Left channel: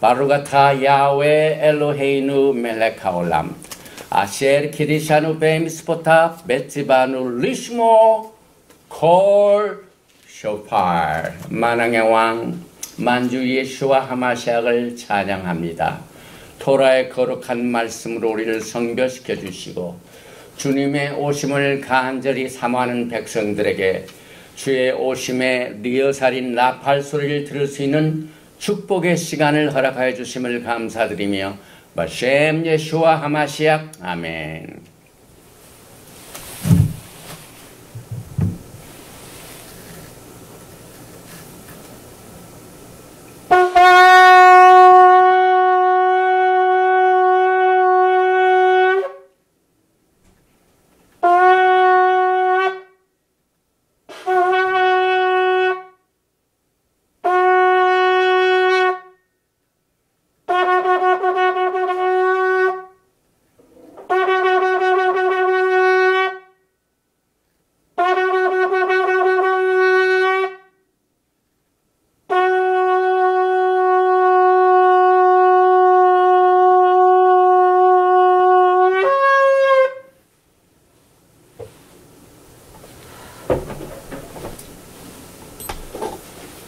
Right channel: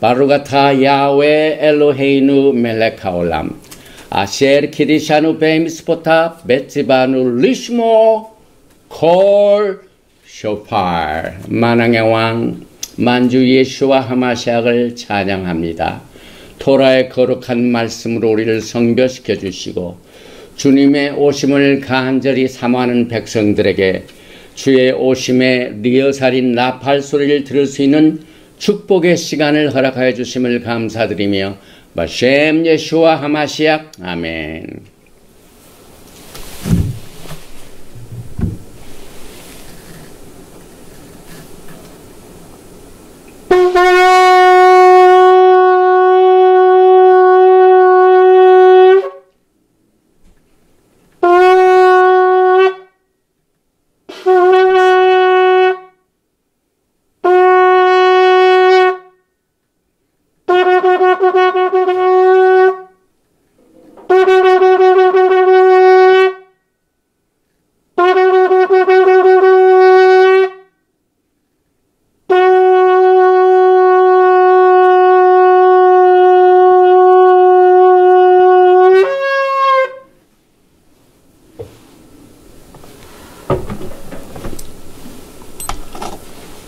바루가타 야훼 엘로헤이누 멜렉 하올람 아셰르 키디샤누 베미스포타 베티바누 리시모 콜 쇼팔. 만왕의 왕 만주 예수와 하마시아를 찬양합니다. 토라의 거룩한 말씀으로 우리를 성별시켜 주시고 주님의 오심을 간절히 사모하는 백성들에게 주의 오심의 리허설인 나팔 소리를 들을 수 있는 축복의 시간을 허락하여 주심을 감사드리며 바셈 예수와 하마시아 아멘.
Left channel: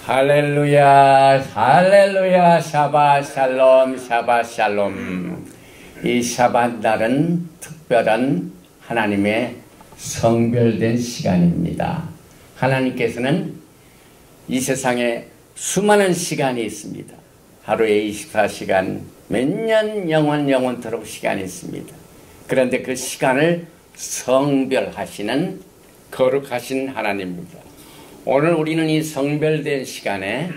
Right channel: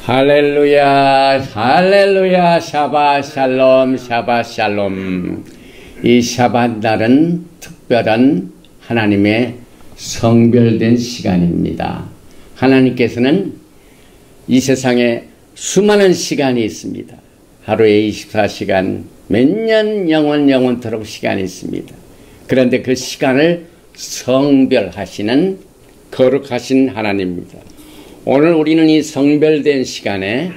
할렐루야, 할렐루야, 샤바 샬롬, 샤바 샬롬. 이 샤bat 날은 특별한 하나님의 성별된 시간입니다. 하나님께서는 이 세상에 수많은 시간이 있습니다. 하루에 24시간, 몇 년 영원토록 시간이 있습니다. 그런데 그 시간을 성별하시는 거룩하신 하나님입니다. 오늘 우리는 이 성별된 시간에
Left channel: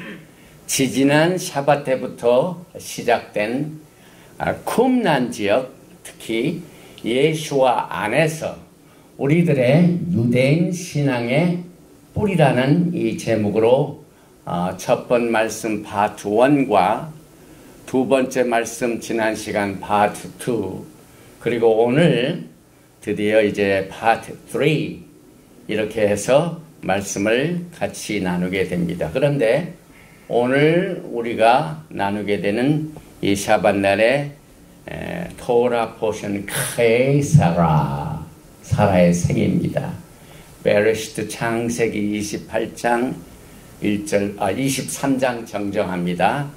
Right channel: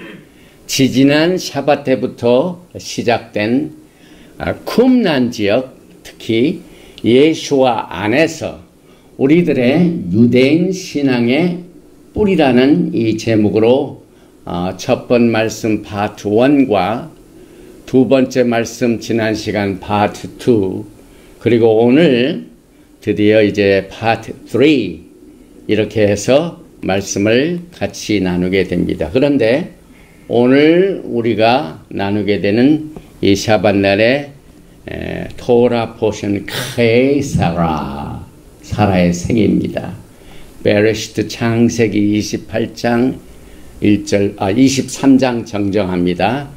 지지난 샤bat 때부터 시작된 쿰란 지역, 특히 예수와 안에서 우리들의 유대인 신앙의 뿌리라는 이 제목으로 첫 번 말씀 파트 1과 두 번째 말씀 지난 시간 파트 2 그리고 오늘 드디어 이제 파트 3 이렇게 해서 말씀을 같이 나누게 됩니다. 그런데 오늘 우리가 나누게 되는 이 샤bat 날의 토라 포션 카에사라 사라의 생입니다. 베레시트 창세기 28장 1절 23장 정정합니다.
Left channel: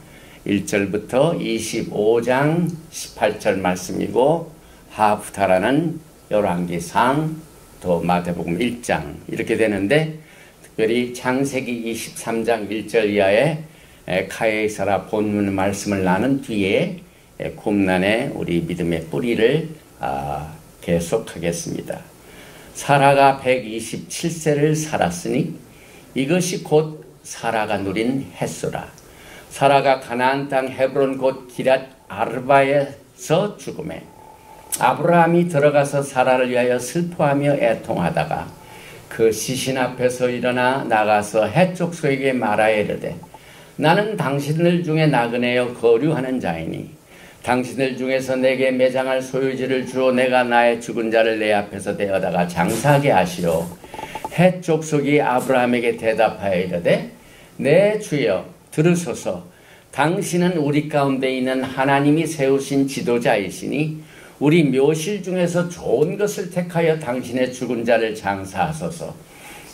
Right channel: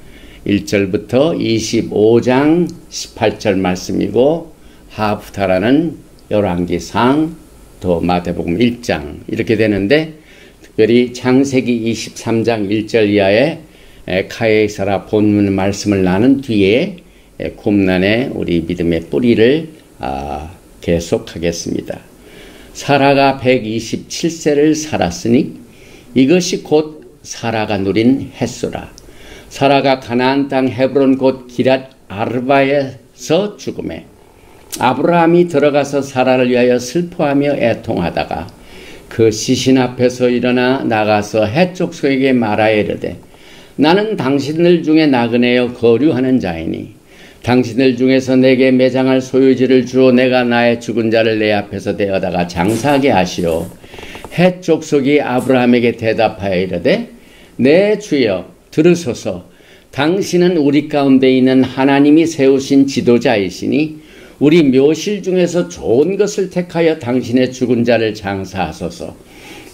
1절부터 25장 18절 말씀이고 하프타라는 열왕기상 또 마태복음 1장 이렇게 되는데 특별히 창세기 23장 1절 이하의 카에사라 본문 말씀을 나눈 뒤에 쿰란의 우리 믿음의 뿌리를 계속하겠습니다. 사라가 127세를 살았으니 이것이 곧 사라가 누린 햇수라. 사라가 가나안 땅 헤브론 곧 기럇 아르바에서 죽음에 아브라함이 들어가서 사라를 위하여 슬퍼하며 애통하다가 그 시신 앞에서 일어나 나가서 헷족속에게 말하여 이르되 나는 당신들 중에 나그네여 거류하는 자이니 당신들 중에서 내게 매장할 소유지를 주어 내가 나의 죽은 자를 내 앞에서 대어다가 장사하게 하시오. 헷족속이 아브라함에게 대답하여 이르되 내 주여 들으소서. 당신은 우리 가운데 있는 하나님이 세우신 지도자이시니 우리 묘실 중에서 좋은 것을 택하여 당신의 죽은 자를 장사하소서.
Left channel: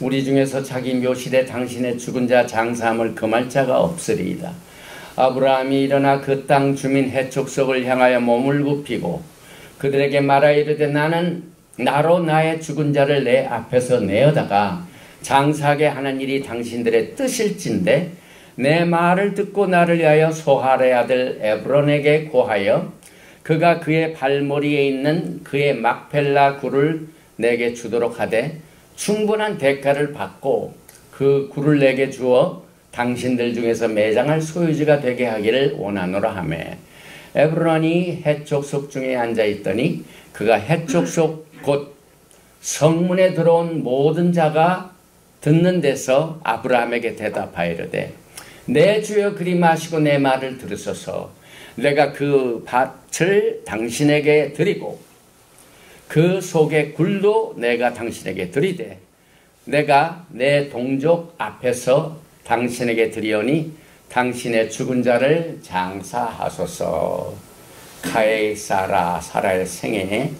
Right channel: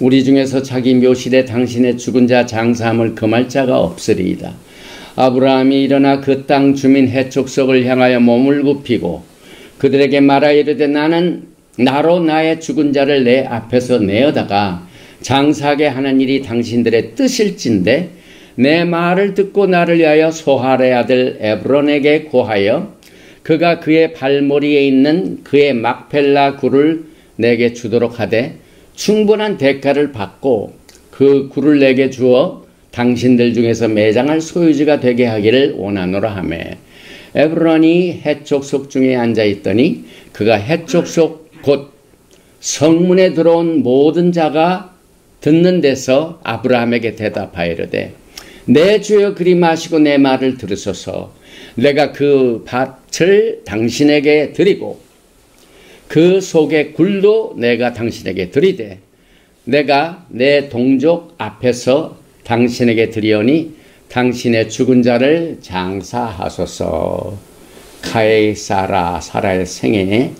우리 중에서 자기 묘실에 당신의 죽은 자 장사함을 금할 자가 없으리이다. 아브라함이 일어나 그 땅 주민 헷족속을 향하여 몸을 굽히고 그들에게 말하여 이르되 나는 나로 나의 죽은 자를 내 앞에서 내어다가 장사하게 하는 일이 당신들의 뜻일진데 내 말을 듣고 나를 위하여 소할의 아들 에브론에게 고하여 그가 그의 발머리에 있는 그의 막펠라 굴을 내게 주도록 하되 충분한 대가를 받고 그 굴을 내게 주어 당신들 중에서 매장할 소유지가 되게 하기를 원하노라 하며 에브론이 헷족속 중에 앉아있더니 그가 헷족속 곧 성문에 들어온 모든 자가 듣는 데서 아브라함에게 대답하여 이르되 내 주여 그리 마시고 내 말을 들으소서. 내가 그 밭을 당신에게 드리고 그 속의 굴도 내가 당신에게 드리되 내가 내 동족 앞에서 당신에게 드리오니 당신의 죽은 자를 장사하소서. 카에사라 사라의 생애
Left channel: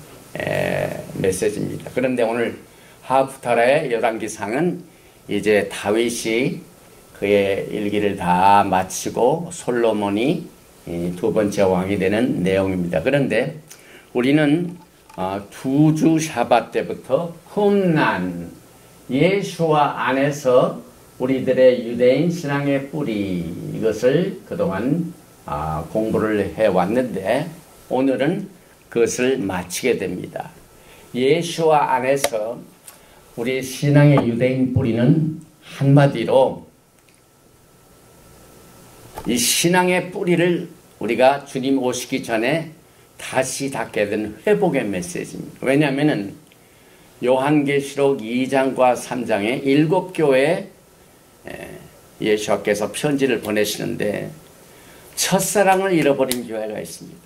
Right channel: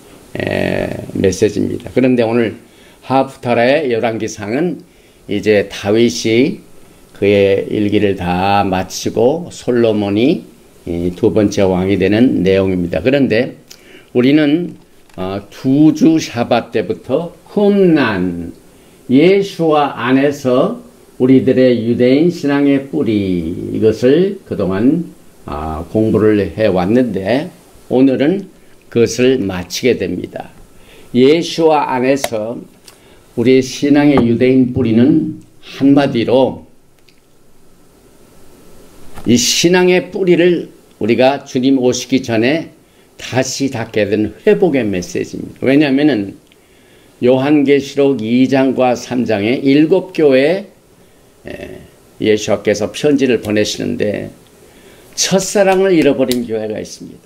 메시지입니다. 그런데 오늘 하프타라의 열왕기상은 이제 다윗이 그의 일기를 다 마치고 솔로몬이 두 번째 왕이 되는 내용입니다. 그런데 우리는 두 주 샤밧 때부터 쿰난 예수와 안에서 우리들의 유대인 신앙의 뿌리, 이것을 그동안 공부를 해왔는데 오늘은 그것을 마치게 됩니다. 예수와 안에서 우리의 신앙의 유대인 뿌리는 한마디로 이 신앙의 뿌리를 우리가 주님 오시기 전에 다시 닫게 된 회복의 메시지입니다. 왜냐하면 요한계시록 2장과 3장에 7교회에 예수께서 편지를 보내시는데 첫사랑을 잃어버린 교회가 있습니다.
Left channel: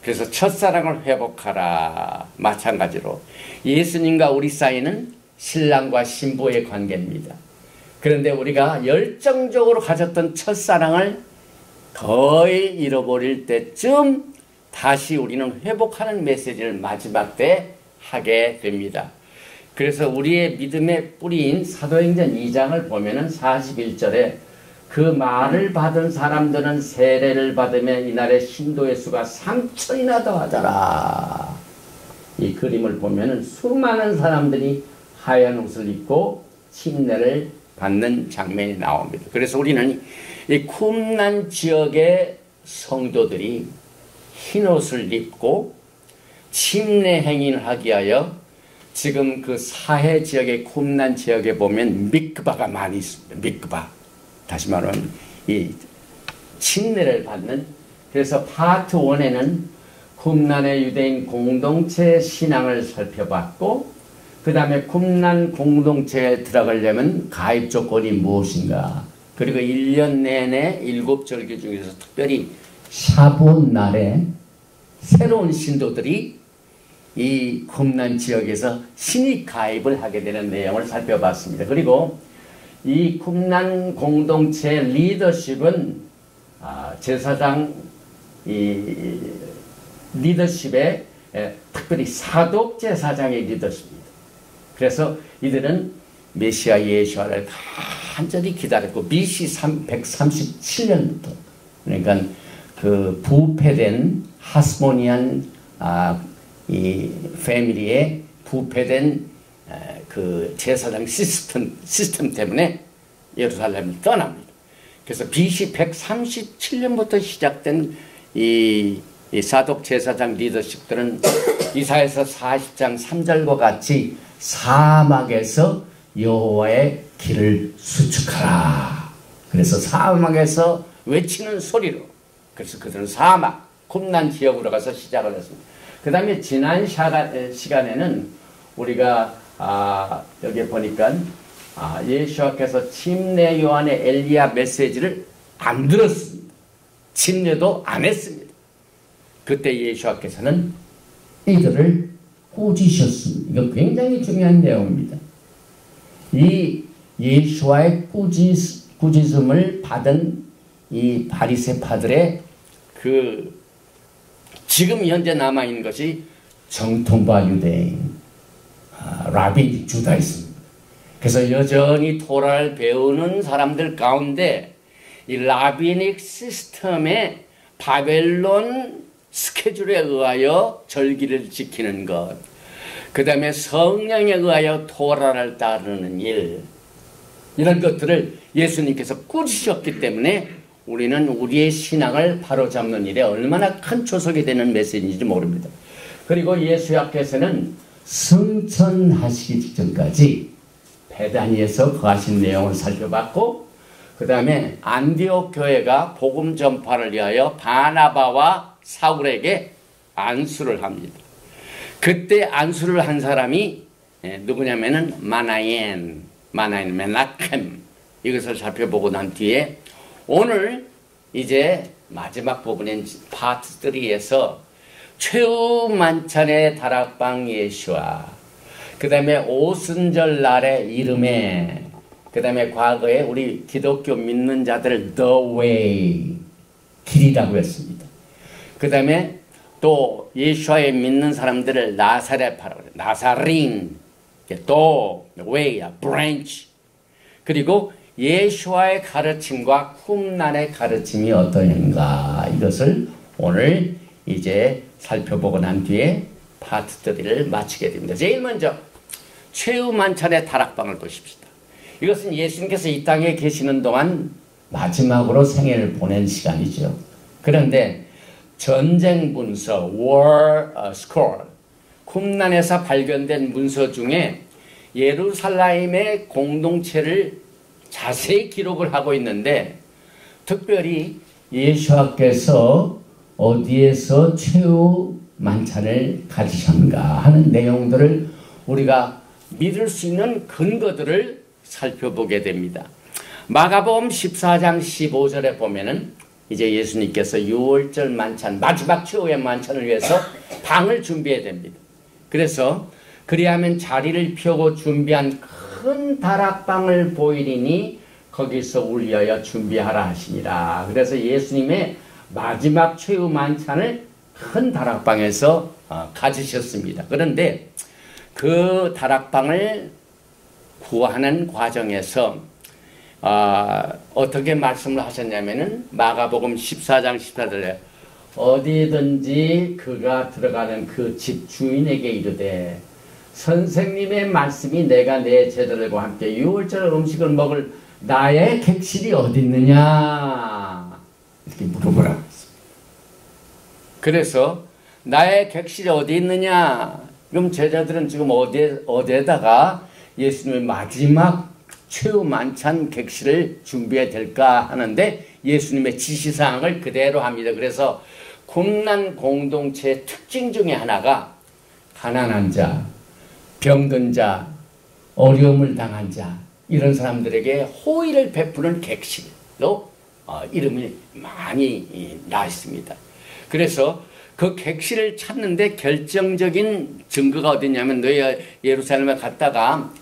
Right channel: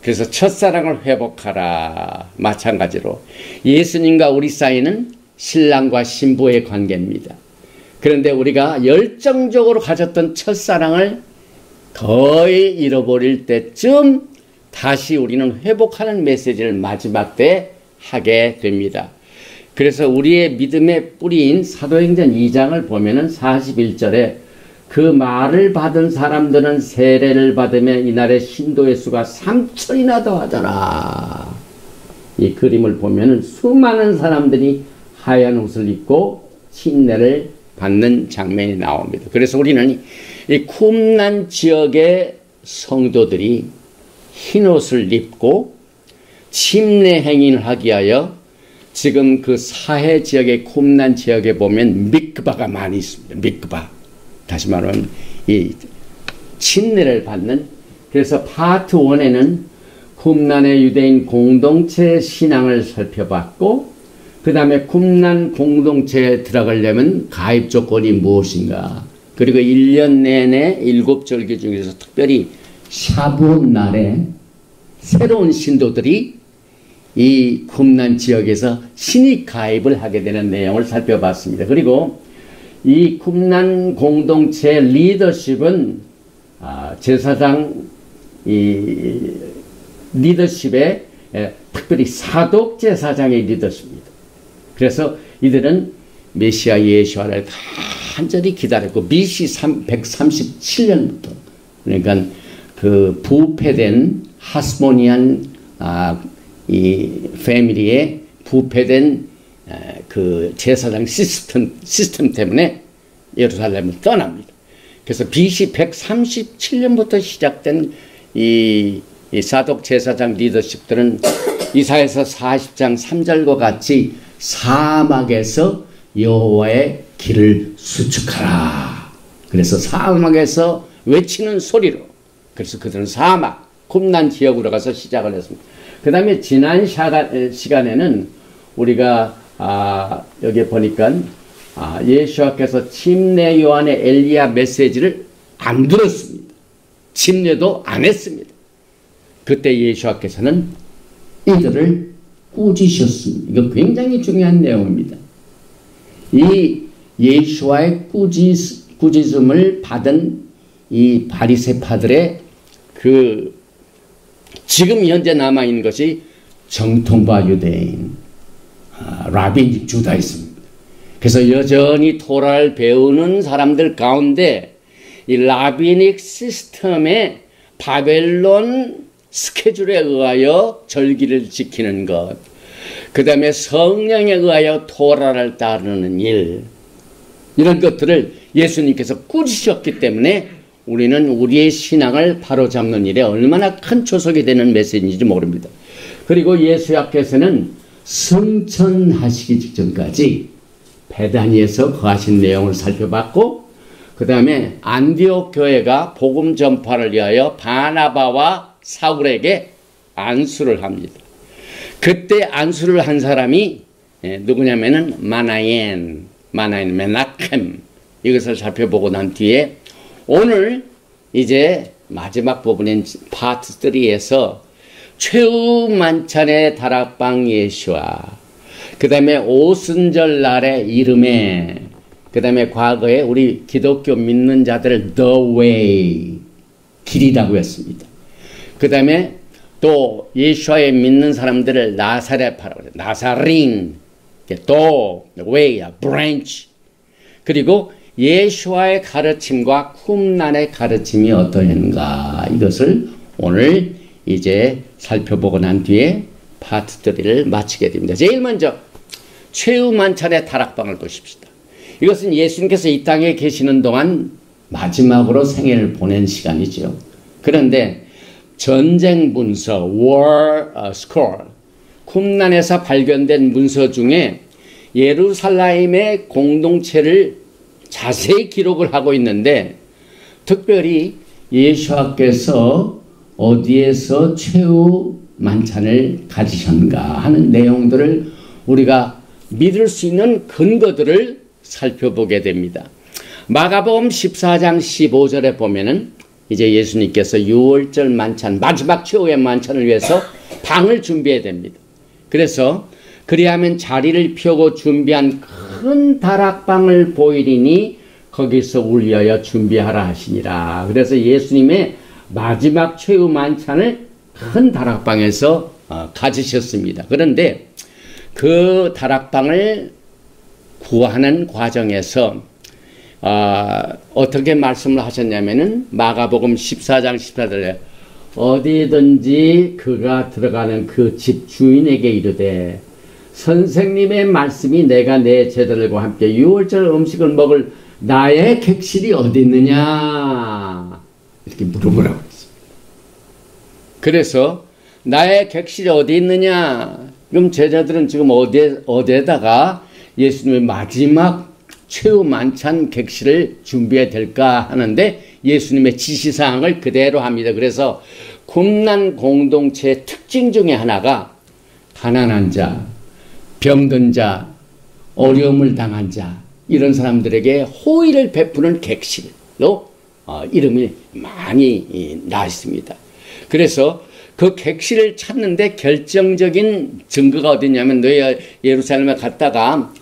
그래서 첫사랑을 회복하라. 마찬가지로 예수님과 우리 사이는 신랑과 신부의 관계입니다. 그런데 우리가 열정적으로 가졌던 첫사랑을 거의 잃어버릴 때쯤 다시 우리는 회복하는 메시지를 마지막 때 하게 됩니다. 그래서 우리의 믿음의 뿌리인 사도행전 2장을 보면은 41절에 그 말을 받은 사람들은 세례를 받으며 이날의 신도의 수가 3천이나 더하더라. 이 그림을 보면은 수많은 사람들이 하얀 옷을 입고 침례를 받는 장면이 나옵니다. 그래서 우리는 이 쿰난 지역의 성도들이 흰 옷을 입고 침례 행인을 하기 위하여 지금 그 사해 지역의 쿰난 지역에 보면 미크바가 많이 있습니다. 미크바. 다시 말하면 이 침례를 받는, 그래서 파트 1에는 쿰난의 유대인 공동체 신앙을 살펴봤고 그 다음에 쿰난 공동체에 들어가려면 가입 조건이 무엇인가, 그리고 1년 내내 7절기 중에서 특별히 샤봇 날에 새로운 신도들이 이 쿰난 지역에서 신입 가입을 하게 되는 내용을 살펴봤습니다. 그리고 이 쿰난 공동체 리더십은 제사장 이 리더십에 특별히 사독 제사장의 리더십입니다. 그래서 이들은 메시아 예수를 간절히 기다렸고 BC 137년부터 그러니까 그 부패된 하스모니안 이 패밀리의 부패된 그 제사장 시스템 때문에 예루살렘을 떠납니다. 그래서 BC 137년부터 시작된 이 사독 제사장 리더십들은 이사야서 40장 3절과 같이 사막에서 여호와의 길을 수축하라. 그래서 사막에서 외치는 소리로, 그래서 그들은 사막, 쿰난 지역으로 가서 시작을 했습니다. 그 다음에 지난 시간에는 우리가 여기 보니까 예수께서 침례 요한의 엘리야 메시지를 안 들었습니다. 침례도 안 했습니다. 그때 예수께서는 이들을 꾸짖으셨습니다. 이거 굉장히 중요한 내용입니다. 이 예수와의 꾸짖음을 받은 이 바리새파들의 그 지금 현재 남아있는 것이 정통파 유대인, 라빈 주다이스입니다. 그래서 여전히 토라를 배우는 사람들 가운데 이 라비닉 시스템의 바벨론 스케줄에 의하여 절기를 지키는 것, 그 다음에 성령에 의하여 토라를 따르는 일, 이런 것들을 예수님께서 꾸짖으셨기 때문에 우리는 우리의 신앙을 바로잡는 일에 얼마나 큰 초석이 되는 메시지인지 모릅니다. 그리고 예수께서는 승천하시기 직전까지 베다니에서 거하신 내용을 살펴봤고, 그 다음에 안디옥 교회가 복음 전파를 위하여 바나바와 사울에게 안수를 합니다. 그때 안수를 한 사람이 누구냐면은 마나엔 메나켐, 이것을 살펴보고 난 뒤에 오늘 이제 마지막 부분인 파트 3에서 최후 만찬의 다락방 예수와 그 다음에 오순절 날의 이름에 그 다음에 과거에 우리 기독교 믿는 자들을 the way, 길이라고 했습니다. 그 다음에 또 예수와에 믿는 사람들을 나사렛파라고 해요. 나사린, 또 way, branch. 그리고 예수와의 가르침과 쿰란의 가르침이 어떠한가, 이것을 오늘 이제 살펴보고 난 뒤에 파트 3를 마치게 됩니다. 제일 먼저 최후 만찬의 다락방을 보십시다. 이것은 예수님께서 이 땅에 계시는 동안 마지막으로 생애를 보낸 시간이죠. 그런데 전쟁 문서, war scroll, 쿰란에서 발견된 문서 중에 예루살렘의 공동체를 자세히 기록을 하고 있는데, 특별히 예수께서 어디에서 최후 만찬을 가지셨는가 하는 내용들을 우리가 믿을 수 있는 근거들을 살펴보게 됩니다. 마가복음 14장 15절에 보면은 이제 예수님께서 유월절 만찬, 마지막 최후의 만찬을 위해서 방을 준비해야 됩니다. 그래서 그리하면 자리를 펴고 준비한 큰 다락방을 보이리니 거기서 울려여 준비하라 하시니라. 그래서 예수님의 마지막 최후 만찬을 큰 다락방에서 가지셨습니다. 그런데 그 다락방을 구하는 과정에서 어떻게 말씀을 하셨냐면은 마가복음 14장 14절에 어디든지 그가 들어가는 그 집 주인에게 이르되 선생님의 말씀이 내가 내 제자들과 함께 유월절 음식을 먹을 나의 객실이 어디 있느냐 이렇게 물어보라고 했어요. 그래서 나의 객실이 어디 있느냐, 그럼 제자들은 지금 어디에다가 예수님의 마지막 최후 만찬 객실을 준비해야 될까 하는데 예수님의 지시사항을 그대로 합니다. 그래서 쿰란 공동체의 특징 중에 하나가 가난한 자, 병든 자, 어려움을 당한 자, 이런 사람들에게 호의를 베푸는 객실로 이름이 많이 나 있습니다. 그래서 그 객실을 찾는데 결정적인 증거가 어디냐면, 너희 예루살렘에 갔다가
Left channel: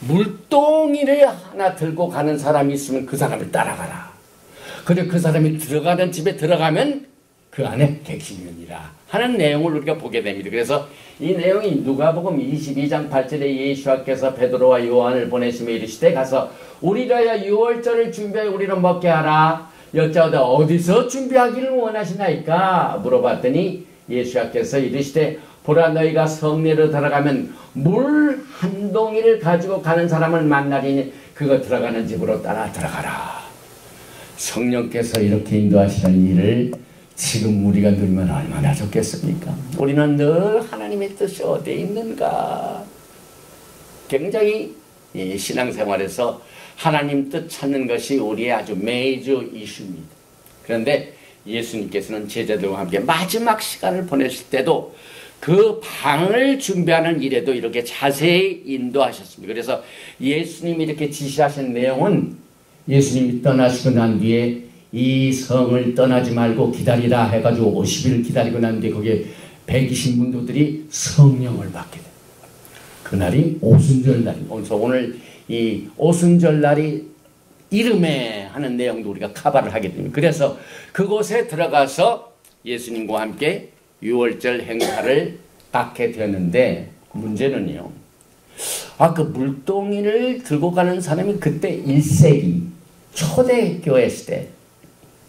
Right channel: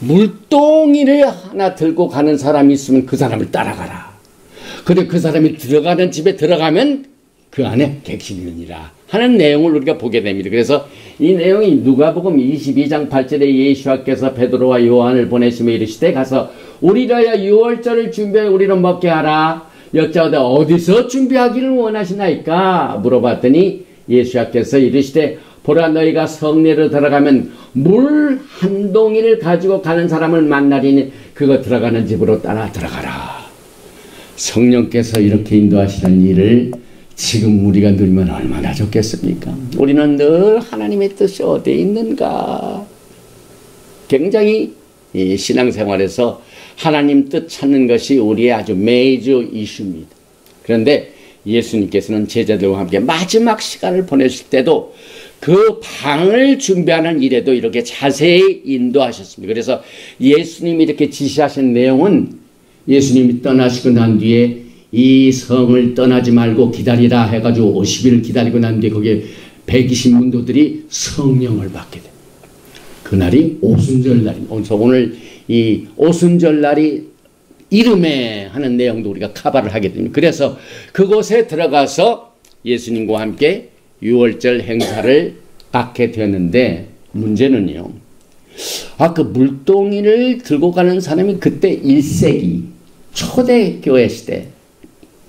물동이를 하나 들고 가는 사람이 있으면 그 사람을 따라가라. 그리고 그 사람이 들어가는 집에 들어가면 그 안에 객실이니라 하는 내용을 우리가 보게 됩니다. 그래서 이 내용이 누가복음 22장 8절에 예수께서 베드로와 요한을 보내시며 이르시되 가서 우리라야 유월절을 준비해 우리를 먹게 하라. 여짜오되 어디서 준비하기를 원하시나이까 물어봤더니 예수께서 이르시되 보라, 너희가 성내로 들어가면 물 한 동이를 가지고 가는 사람을 만나리니 그거 들어가는 집으로 따라 들어가라. 성령께서 이렇게 인도하시는 일을 지금 우리가 누리면 얼마나 좋겠습니까? 우리는 늘 하나님의 뜻이 어디에 있는가, 굉장히 이 신앙생활에서 하나님 뜻 찾는 것이 우리의 아주 메이저 이슈입니다. 그런데 예수님께서는 제자들과 함께 마지막 시간을 보내실 때도 그 방을 준비하는 일에도 이렇게 자세히 인도하셨습니다. 그래서 예수님이 이렇게 지시하신 내용은 예수님이 떠나시고 난 뒤에 이 성을 떠나지 말고 기다리라 해가지고 50일 기다리고 난 뒤에 거기에 120문도들이 성령을 받게 됩니다. 그날이 오순절 날입니다. 그래서 오늘 이 오순절 날이 이름에 하는 내용도 우리가 커버를 하게 됩니다. 그래서 그곳에 들어가서 예수님과 함께 유월절 행사를 갖게 되는데, 문제는요, 그 물동이를 들고 가는 사람이 그때 1세기 초대교회 시대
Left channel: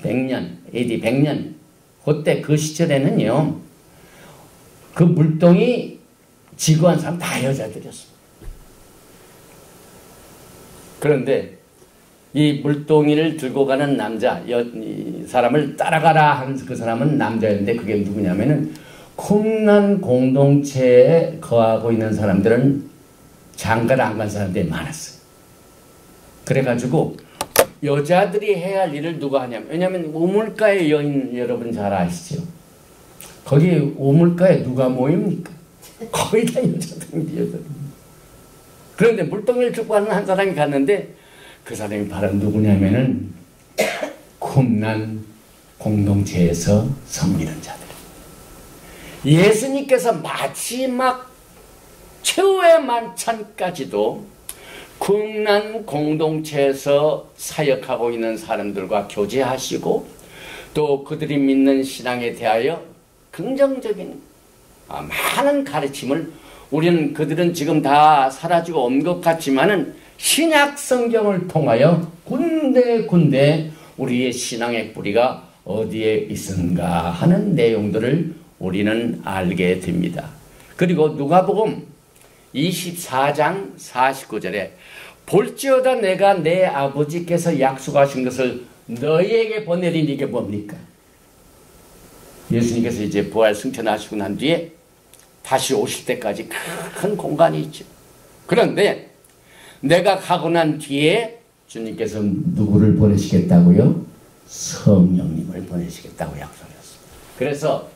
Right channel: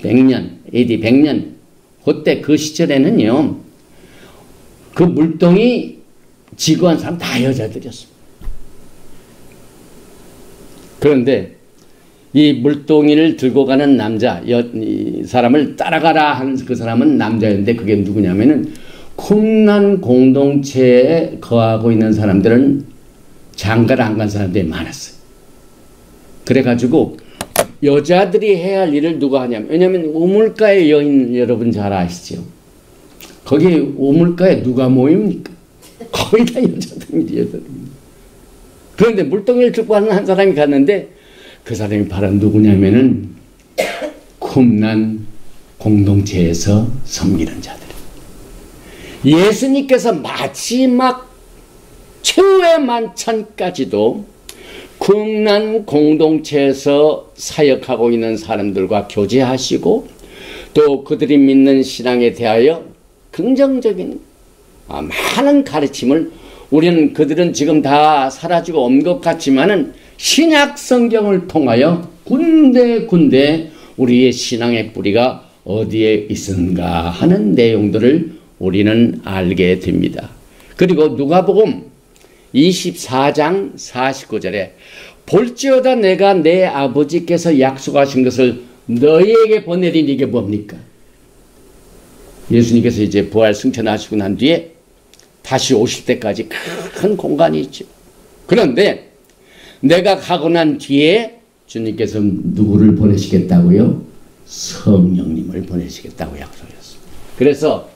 100년, AD 100년 그때 그 시절에는요, 그 물동이 지구한 사람 다 여자들이었습니다. 그런데 이 물동이를 들고 가는 남자, 이 사람을 따라가라 하는 그 사람은 남자였는데, 그게 누구냐면은 쿰란 공동체에 거하고 있는 사람들은 장가를 안 간 사람들이 많았어요. 그래가지고 여자들이 해야 할 일을 누가 하냐면, 왜냐면 우물가의 여인 여러분 잘 아시죠? 거기 우물가에 누가 모입니까? 거의 다 여자들입니다. 그런데 물동이를 들고 가는 한 사람이 갔는데, 그 사람이 바로 누구냐면은 쿰란 공동체에서 섬기는 자들. 예수님께서 마지막 최후의 만찬까지도 국난 공동체에서 사역하고 있는 사람들과 교제하시고 또 그들이 믿는 신앙에 대하여 긍정적인 많은 가르침을 우리는 그들은 지금 다 사라지고 온 것 같지만은 신약 성경을 통하여 군데군데 우리의 신앙의 뿌리가 어디에 있는가 하는 내용들을 우리는 알게 됩니다. 그리고 누가복음 24장 49절에 볼지어다 내가 내 아버지께서 약속하신 것을 너희에게 보내리니 이게 뭡니까? 예수님께서 이제 부활 승천하시고 난 뒤에 다시 오실 때까지 큰 공간이 있죠. 그런데 내가 가고 난 뒤에 주님께서 누구를 보내시겠다고요? 성령님을 보내시겠다고 약속했습니다. 그래서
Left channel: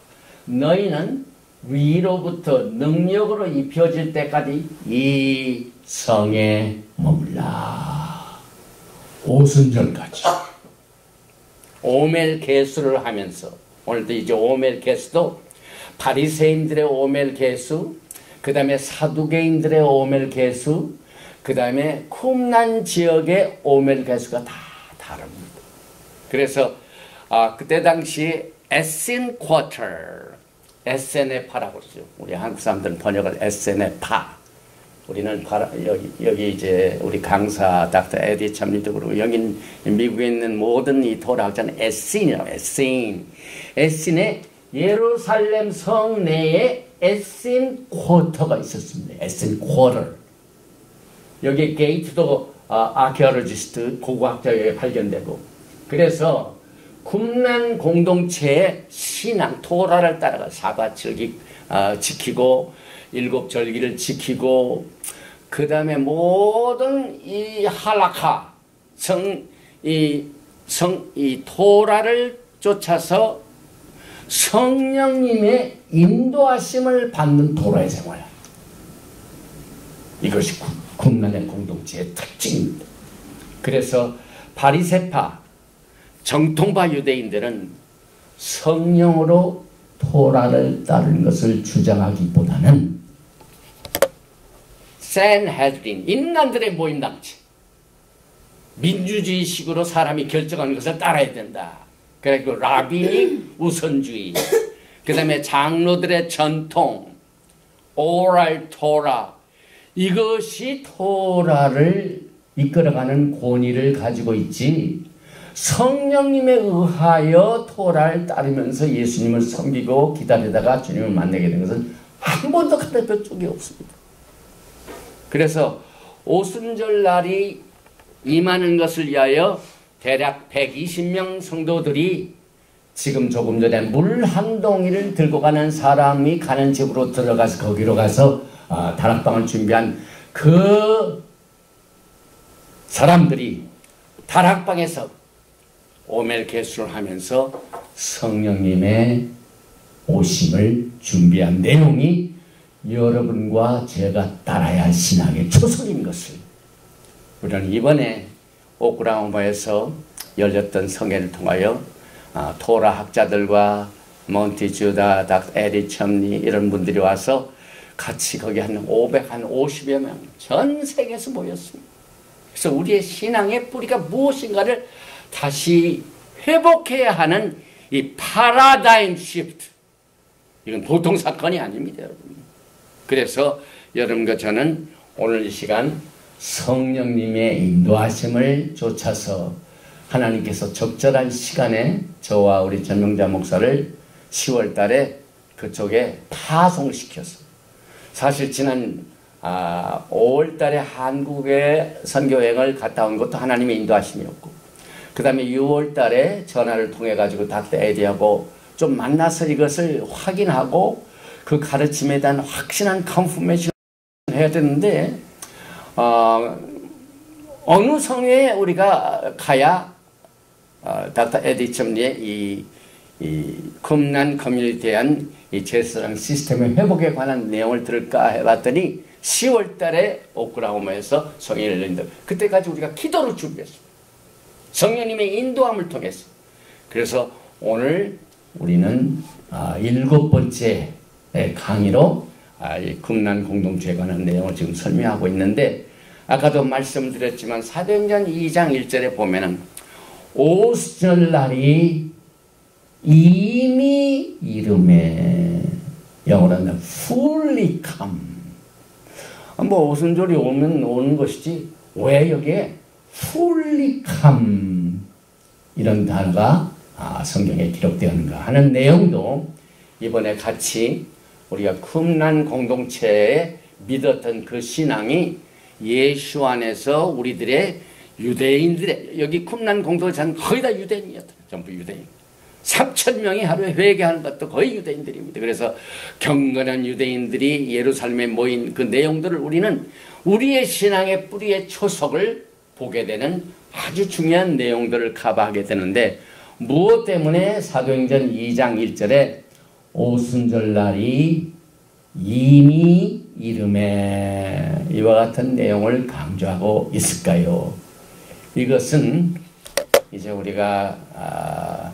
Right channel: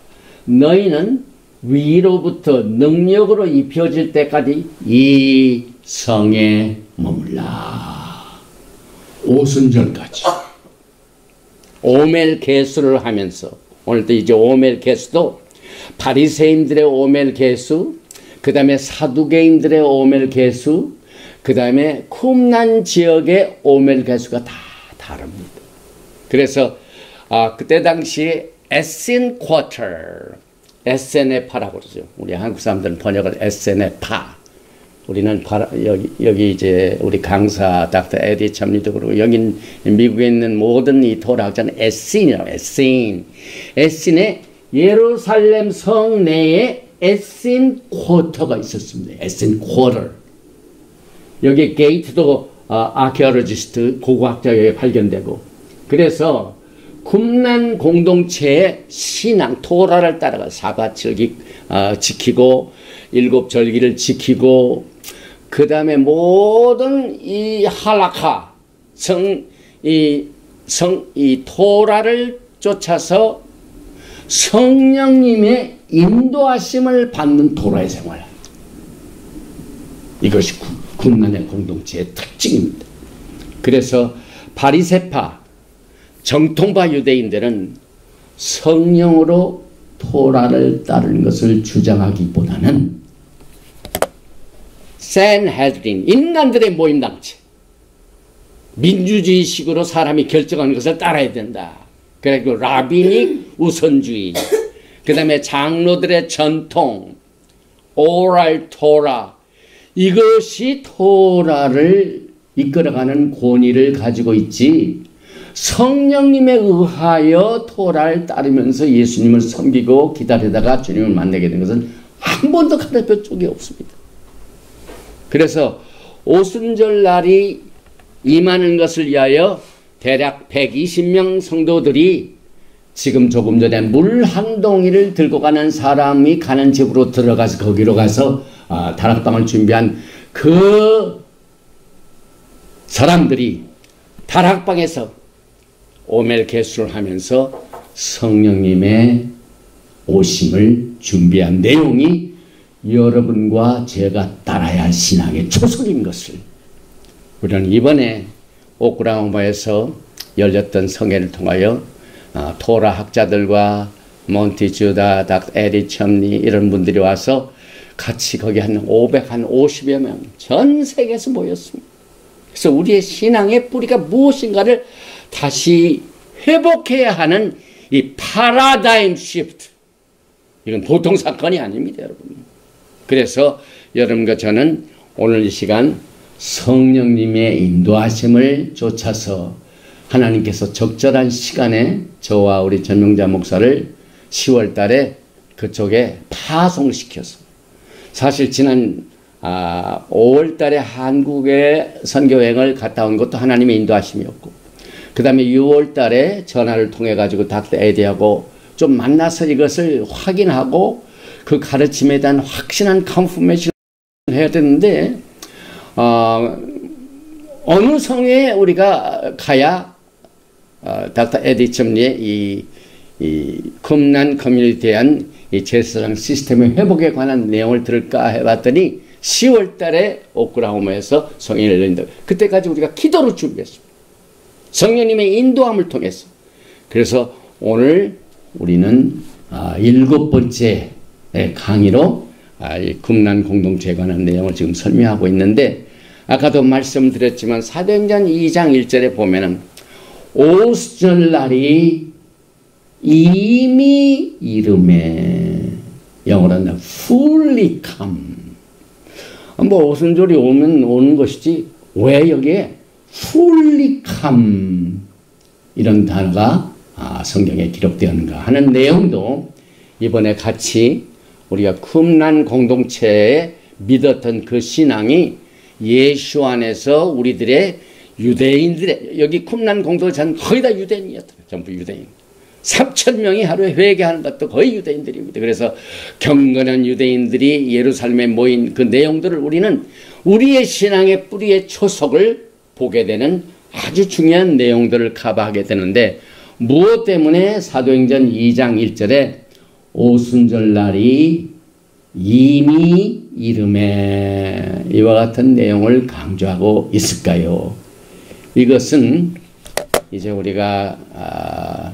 너희는 위로부터 능력으로 입혀질 때까지 이 성에 머물라. 오순절까지. 오멜 개수를 하면서 오늘도 이제 오멜 개수도 바리새인들의 오멜 개수, 그 다음에 사두개인들의 오멜 개수, 그 다음에 쿰난 지역의 오멜 개수가 다 다릅니다. 그래서 그때 당시 에센 쿼터, 에센의 파라고 그러죠. 우리 한국 사람들은 번역을 에센의 파. 우리는 여기 이제 우리 강사 닥터 에디 참리도 그러고 여기 미국에 있는 모든 이 토라학자는 에센이라고 에센. 에센의 예루살렘 성 내에 에센 쿼터가 있었습니다. 에센 쿼터. 여기 게이트도 아케올로지스트 고고학자에 발견되고 그래서 쿰난 공동체의 신앙 토라를 따라가 사bat 지키고 일곱 절기를 지키고 그 다음에 모든 이 할라카 이 토라를 쫓아서 성령님의 인도하심을 받는 토라의 생활. 이것이 쿰난의 공동체의 특징입니다. 그래서 바리새파 정통파 유대인들은 성령으로 토라를 따르는 것을 주장하기보다는 산헤드린 인간들의 모임당체 민주주의식으로 사람이 결정하는 것을 따라야 된다. 그리고 라비닉 우선주의 그 다음에 장로들의 전통 오랄 토라 이것이 토라를 이끌어가는 권위를 가지고 있지 성령님에 의하여 토라를 따르면서 예수님을 섬기고 기다리다가 주님을 만나게 된 것은 한 번도 가르쳐 적이 없습니다. 그래서 오순절 날이 임하는 것을 위하여 대략 120명 성도들이 지금 조금 전에 물 한 동이를 들고 가는 사람이 가는 집으로 들어가서 거기로 가서 다락방을 준비한 그 사람들이 다락방에서 오멜 개수를 하면서 성령님의 오심을 준비한 내용이 여러분과 제가 따라야 할 신앙의 초석인 것을 우리는 이번에 오클라호마에서 열렸던 성회를 통하여 토라 학자들과 몬티주다, 닥터 에디 첨니 이런 분들이 와서 같이 거기 한 50여 명 전 세계에서 모였습니다. 그래서 우리의 신앙의 뿌리가 무엇인가를 다시 회복해야 하는 이 파라다임 시프트. 이건 보통 사건이 아닙니다, 여러분. 그래서 여러분과 저는 오늘 이 시간 성령님의 인도하심을 쫓아서 하나님께서 적절한 시간에 저와 우리 전명자 목사를 10월 달에 그쪽에 파송시켜서 사실 지난 5월 달에 한국에 선교여행을 갔다 온 것도 하나님의 인도하심이었고 그 다음에 6월 달에 전화를 통해 가지고 닥터 에디하고 좀 만나서 이것을 확인하고 그 가르침에 대한 확신한 컨퍼메이션을 해야 되는데 어느 성에 우리가 가야 닥터 에디 첨리의 이 쿰난 커뮤니티에 대한 이 제사장 시스템의 회복에 관한 내용을 들을까 해봤더니 10월 달에 오클라호마에서 성회를 열린다. 그때까지 우리가 기도를 준비했습니다. 성령님의 인도함을 통해서. 그래서 오늘 우리는 7번째 강의로 이 쿰난 공동체에 관한 내용을 지금 설명하고 있는데 아까도 말씀드렸지만 사도행전 2장 1절에 보면은 오순절날이 이미 이름에, 영어로는 fully come. 뭐 오순절이 오면 오는 것이지 왜 여기에 fully come 이런 단어가 성경에 기록되었는가 하는 내용도 이번에 같이 우리가 쿰란 공동체에 믿었던 그 신앙이 예수 안에서 우리들의 유대인들의, 여기 쿰란 공동체는 거의 다 유대인이었다. 전부 유대인. 3,000명이 하루에 회개하는 것도 거의 유대인들입니다. 그래서 경건한 유대인들이 예루살렘에 모인 그 내용들을 우리는 우리의 신앙의 뿌리의 초석을 보게 되는 아주 중요한 내용들을 커버하게 되는데, 무엇 때문에 사도행전 2장 1절에 오순절날이 이미 이름에 이와 같은 내용을 강조하고 있을까요? 이것은 이제 우리가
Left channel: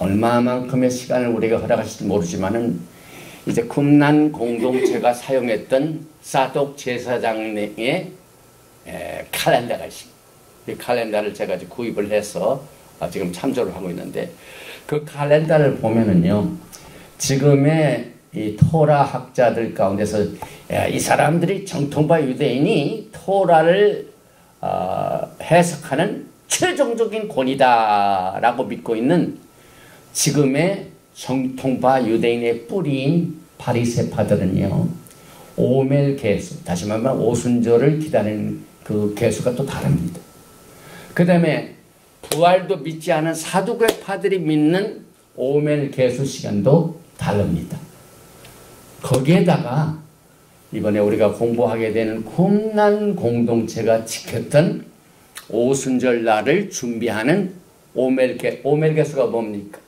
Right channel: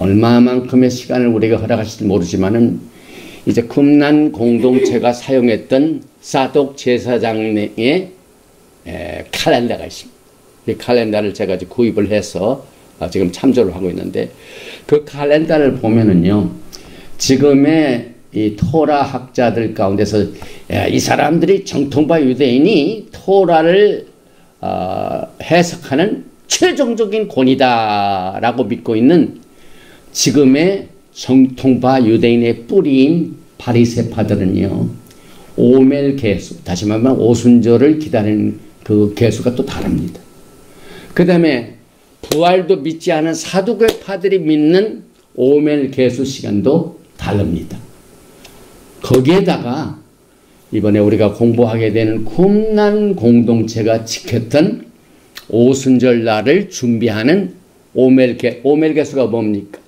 얼마만큼의 시간을 우리가 허락하실지 모르지만은 이제 쿰란 공동체가 사용했던 사독 제사장의 칼렌더가 있습니다. 이 칼렌더를 제가 구입을 해서 지금 참조를 하고 있는데, 그 칼렌더를 보면은요, 지금의 이 토라 학자들 가운데서 이 사람들이 정통파 유대인이 토라를 해석하는 최종적인 권위다라고 믿고 있는 지금의 정통파 유대인의 뿌리인 바리새파들은요, 오멜 개수, 다시 말하면 오순절을 기다리는 그 개수가 또 다릅니다. 그 다음에 부활도 믿지 않은 사두개파들이 믿는 오멜 개수 시간도 다릅니다. 거기에다가 이번에 우리가 공부하게 되는 쿰란 공동체가 지켰던 오순절 날을 준비하는 오멜 개수가 뭡니까?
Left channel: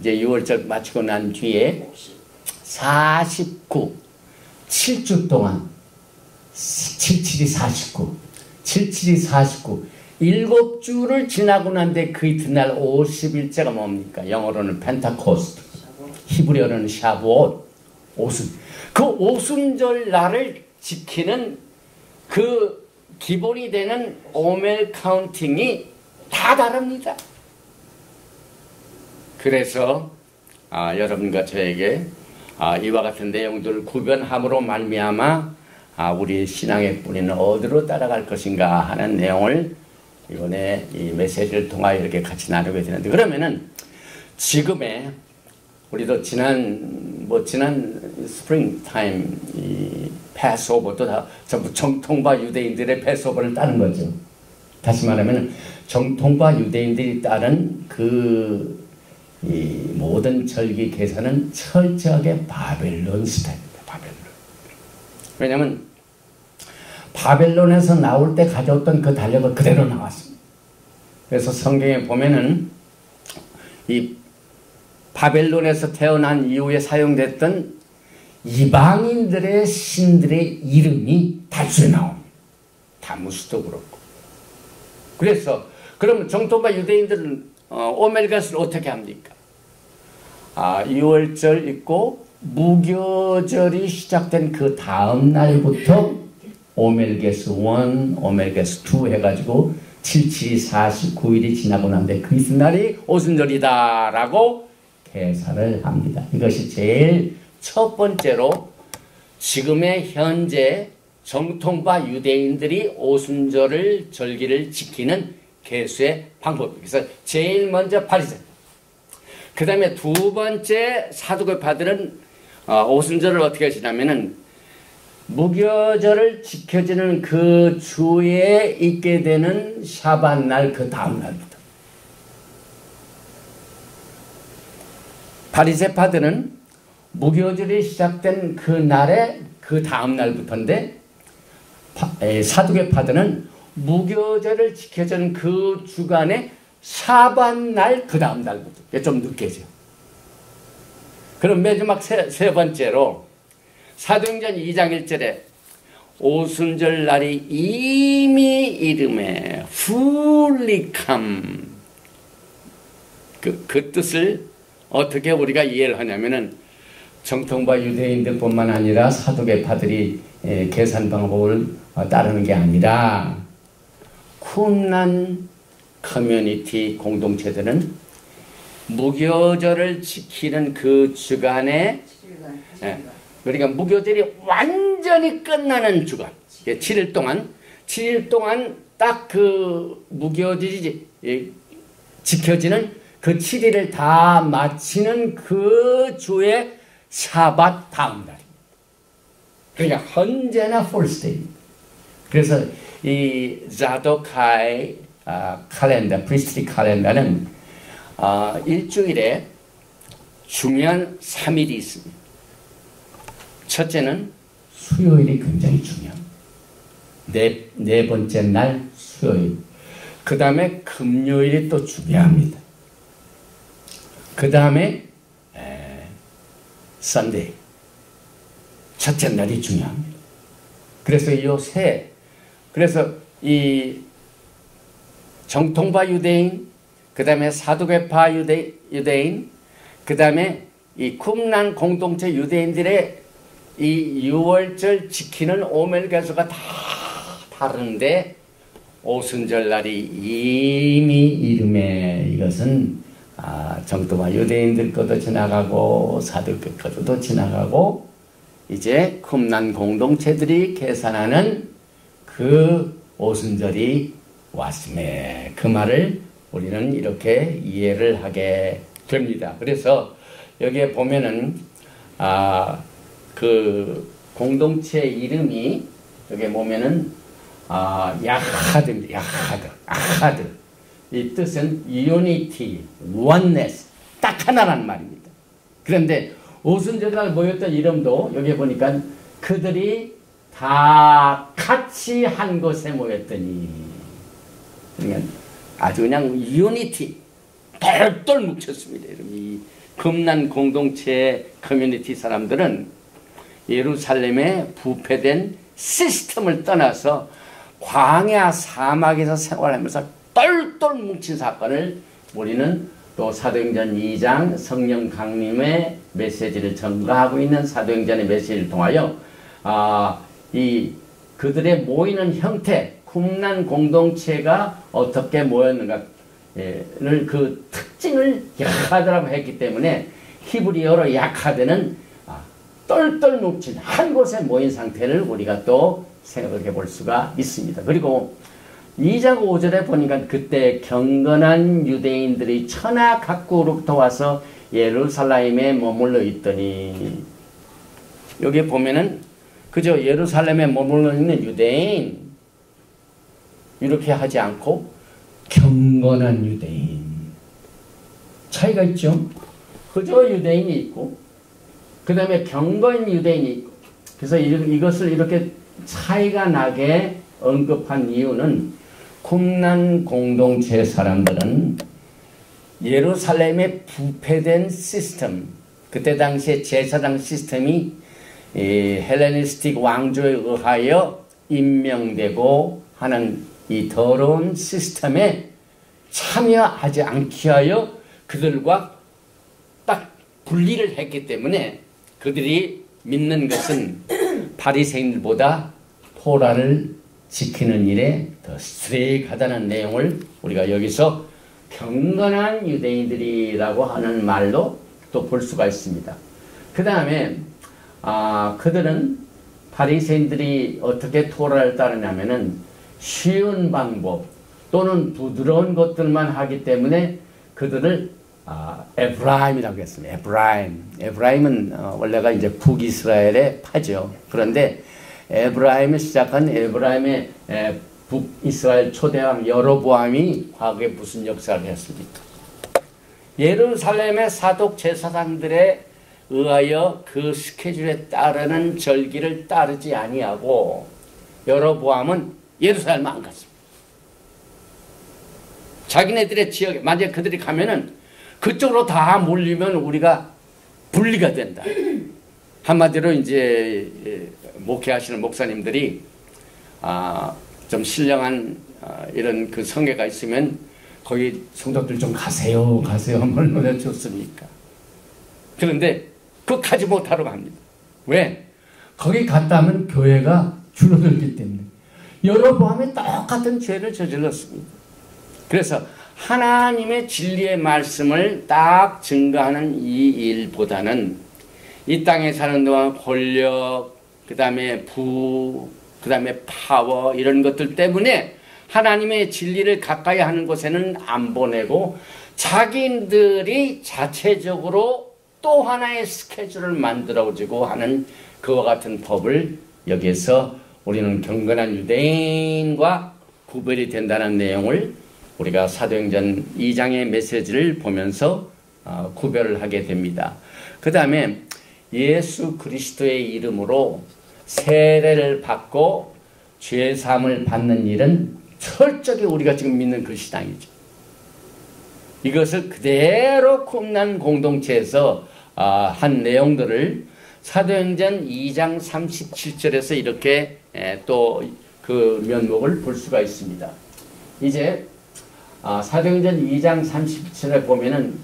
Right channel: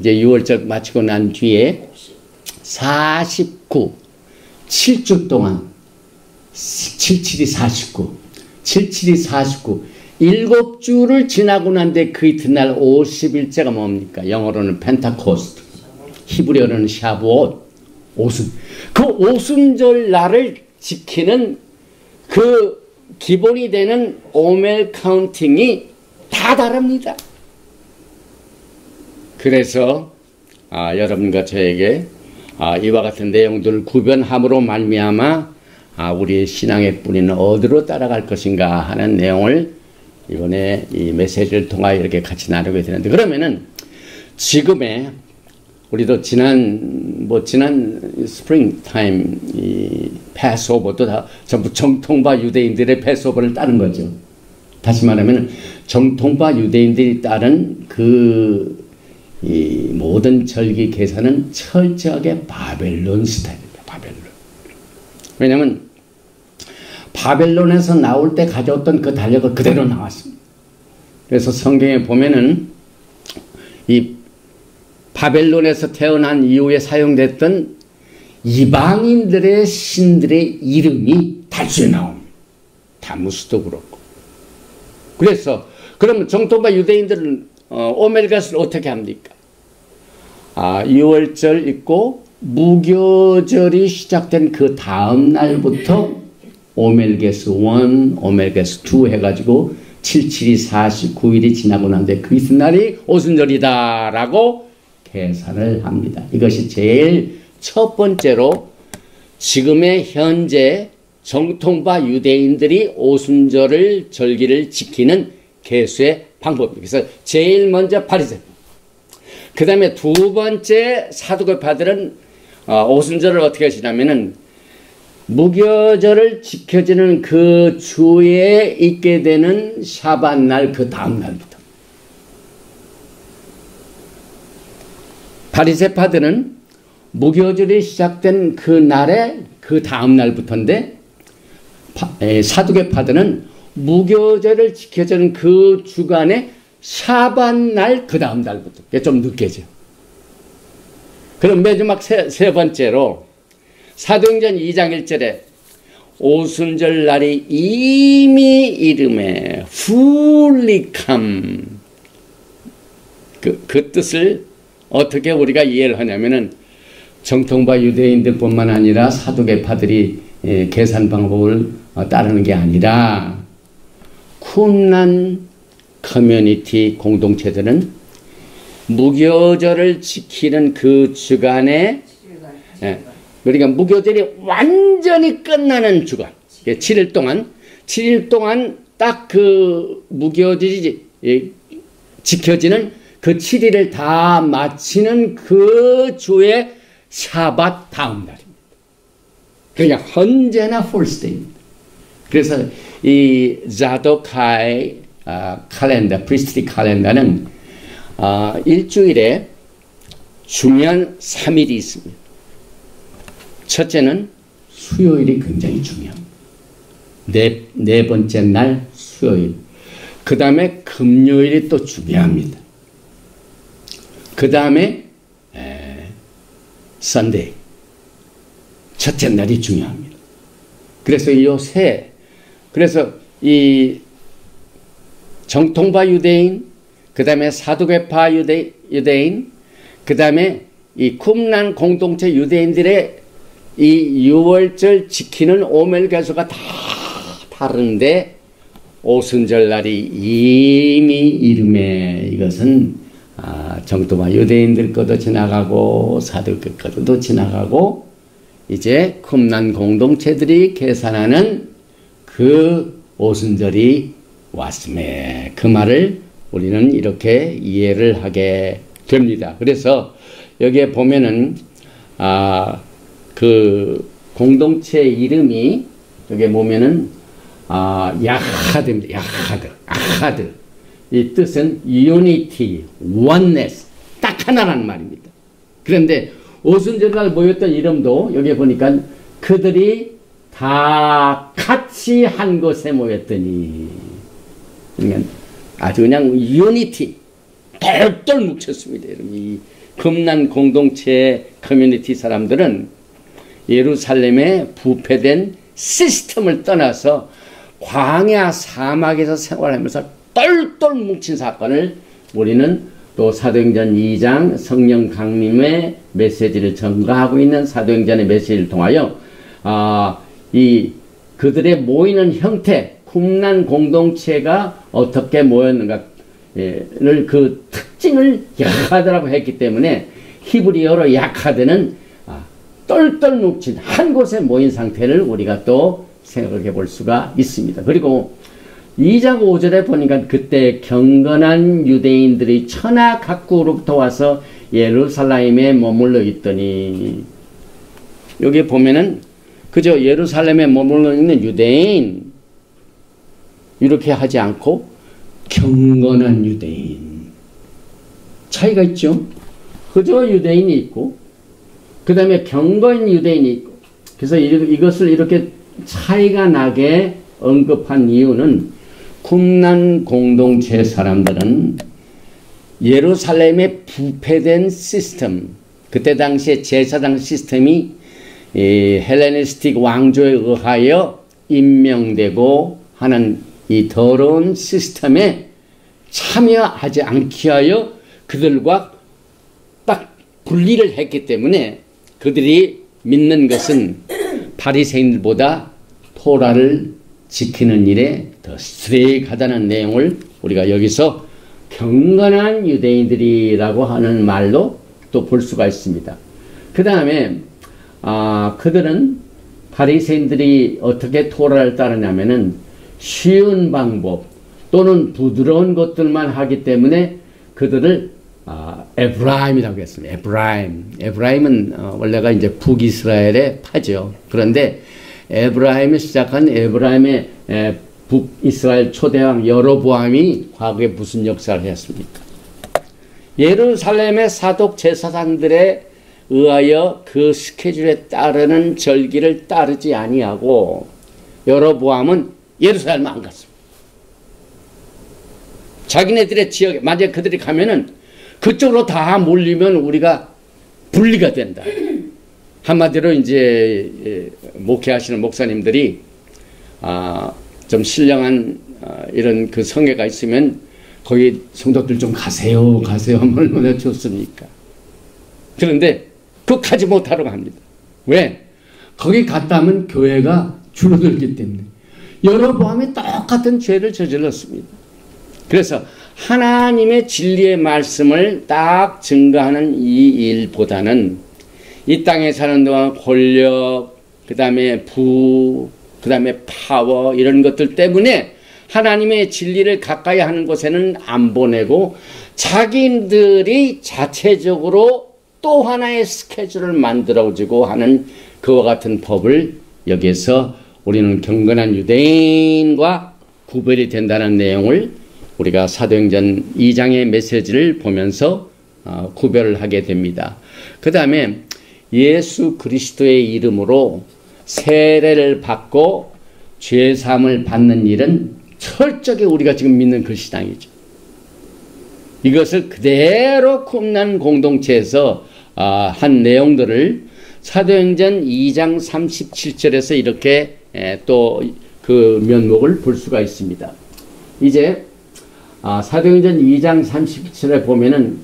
이제 6월절 마치고 난 뒤에 7주 동안 77이 49, 7주를 지나고 난 뒤에 그 이튿날 50일째가 뭡니까? 영어로는 펜타코스트, 히브리어로는 샤브옷, 그 오순절 날을 지키는 그 기본이 되는 오멜 카운팅이 다 다릅니다. 그래서 여러분과 저에게 이와 같은 내용들을 구별함으로 말미암아 우리의 신앙의 뿌리는 어디로 따라갈 것인가 하는 내용을 이번에 이 메시지를 통하여 이렇게 같이 나누게 되는데, 그러면은 지금의 우리도 지난 스프링 타임 이 패스오버도 다 전부 정통파 유대인들의 패스오버를 따른 거죠. 다시 말하면 정통파 유대인들이 따른 이 모든 절기 계산은 철저하게 바벨론 스타일입니다. 바벨론. 왜냐하면 바벨론에서 나올 때 가져왔던 그 달력을 그대로 나왔습니다. 그래서 성경에 보면은 이 바벨론에서 태어난 이후에 사용됐던 이방인들의 신들의 이름이 달수에 나옵니다. 다무스도 그렇고. 그래서 그러면 정통파 유대인들은 오멜가스를 어떻게 합니까? 6월절 있고 무교절이 시작된 그 다음 날부터 오멜게스 1, 오멜게스 2 해가지고 77이 49일이 지나고 난데 그 이튿날이 오순절이다라고 계산을 합니다. 이것이 제일 첫 번째로 지금의 현재 정통파 유대인들이 오순절을 절기를 지키는 계수의 방법입니다. 그래서 제일 먼저 바리새파. 그 다음에 두 번째 사두개파들은 오순절을 어떻게 하시냐면은 무교절을 지켜지는 그 주에 있게 되는 샤밧날 그 다음 날부터. 바리새파들은 무교절이 시작된 그 날에 그 다음 날부터인데, 사두개파들은 무교절을 지켜주는 그 주간에 샤밧날 그 다음 날부터. 이게 좀 늦게죠. 그럼 마지막 세 번째로 사도행전 2장 1절에 오순절 날이 이미 이름에 fully come, 그 뜻을 어떻게 우리가 이해를 하냐면은 정통파 유대인들뿐만 아니라 사두개파들이 계산 방법을 따르는 게 아니라 쿰란 커뮤니티 공동체들은 무교절을 지키는 그 주간에 그러니까 무교절이 완전히 끝나는 주간 7일 동안 딱 그 무교절이 지켜지는 그 7일을 다 마치는 그 주의 샤밧 다음 날입니다. 그러니까 언제나 풀스데이입니다. 그래서 이 자도카이 칼렌더, 프리스트리 칼렌더는 일주일에 중요한 3일이 있습니다. 첫째는 수요일이 굉장히 중요합니다. 네 번째 날 수요일. 그 다음에 금요일이 또 중요합니다. 그 다음에 선데이. 첫째 날이 중요합니다. 그래서 요새 그래서 이 정통파 유대인, 그 다음에 사두개파 유대인, 그 다음에 이 쿰란 공동체 유대인들의 이 6월절 지키는 오멜가수가 다 다른데 오순절 날이 이미 이름에 이것은 정통파 유대인들 것도 지나가고 사두개 것도 지나가고 이제 쿰란 공동체들이 계산하는 그 오순절이 왔음에 그 말을 우리는 이렇게 이해를 하게 됩니다. 그래서 여기에 보면은 그 공동체 이름이 여기에 보면은 야하드입니다. 야하드. 이 뜻은 unity, oneness, 딱 하나라는 말입니다. 그런데 오순절날 모였던 이름도 여기에 보니까 그들이 다 같이 한 곳에 모였더니 그러니까 아주 그냥 유니티 똘똘 뭉쳤습니다. 이 쿰란 공동체 커뮤니티 사람들은 예루살렘에 부패된 시스템을 떠나서 광야 사막에서 생활하면서 똘똘 뭉친 사건을 우리는 또 사도행전 2장 성령 강림의 메시지를 전가하고 있는 사도행전의 메시지를 통하여 이 그들의 모이는 형태, 쿰란 공동체가 어떻게 모였는가를 그 특징을 야하드라고 했기 때문에 히브리어로 야하드는 똘똘 뭉친 한 곳에 모인 상태를 우리가 또 생각해 볼 수가 있습니다. 그리고 2장 5절에 보니까 그때 경건한 유대인들이 천하 각국으로부터 와서 예루살렘에 머물러 있더니 여기 보면은 그저 예루살렘에 머물러 있는 유대인 이렇게 하지 않고 경건한 유대인 차이가 있죠. 그저 유대인이 있고 그 다음에 경건 유대인이 있고 그래서 이것을 이렇게 차이가 나게 언급한 이유는 쿰란 공동체 사람들은 예루살렘의 부패된 시스템 그때 당시에 제사장 시스템이 헬레니스틱 왕조에 의하여 임명되고 하는 이 더러운 시스템에 참여하지 않게 하여 그들과 딱 분리를 했기 때문에 그들이 믿는 것은 바리새인들보다 토라를 지키는 일에 더 스트릭하다는 내용을 우리가 여기서 경건한 유대인들이라고 하는 말로 또 볼 수가 있습니다. 그 다음에 그들은 바리새인들이 어떻게 토라를 따르냐면은 쉬운 방법 또는 부드러운 것들만 하기 때문에 그들을 에브라임이라고 했습니다. 에브라임은 원래가 이제 북이스라엘의 파죠. 그런데 에브라임이 시작한 에브라임의 북이스라엘 초대왕 여로보암이 과거에 무슨 역사를 했습니까? 예루살렘의 사독 제사장들에 의하여 그 스케줄에 따르는 절기를 따르지 아니하고 여로보암은 예루살렘 안 갔습니다. 자기네들의 지역에 만약에 그들이 가면은 그쪽으로 다 몰리면 우리가 분리가 된다. 한마디로 이제 목회하시는 목사님들이 좀 신령한 이런 그 성회가 있으면 거기 성도들 좀 가세요 하면 얼마나 좋습니까? 그런데 그거 가지 못하러 갑니다. 왜? 거기 갔다 하면 교회가 줄어들기 때문에 여로보암이 똑같은 죄를 저질렀습니다. 그래서 하나님의 진리의 말씀을 딱 증거하는 이 일보다는 이 땅에 사는 동안 권력, 그 다음에 그 다음에 파워 이런 것들 때문에 하나님의 진리를 가까이 하는 곳에는 안 보내고 자기들이 자체적으로 또 하나의 스케줄을 만들어주고 하는 그와 같은 법을 여기에서 우리는 경건한 유대인과 구별이 된다는 내용을 우리가 사도행전 2장의 메시지를 보면서 구별을 하게 됩니다. 그 다음에 예수 그리스도의 이름으로 세례를 받고 죄사함을 받는 일은 철저하게 우리가 지금 믿는 그 신앙이죠. 이것을 그대로 쿰난 공동체에서 한 내용들을 사도행전 2장 37절에서 이렇게 또 그 면목을 볼 수가 있습니다. 이제 사도행전 2장 37절에 보면은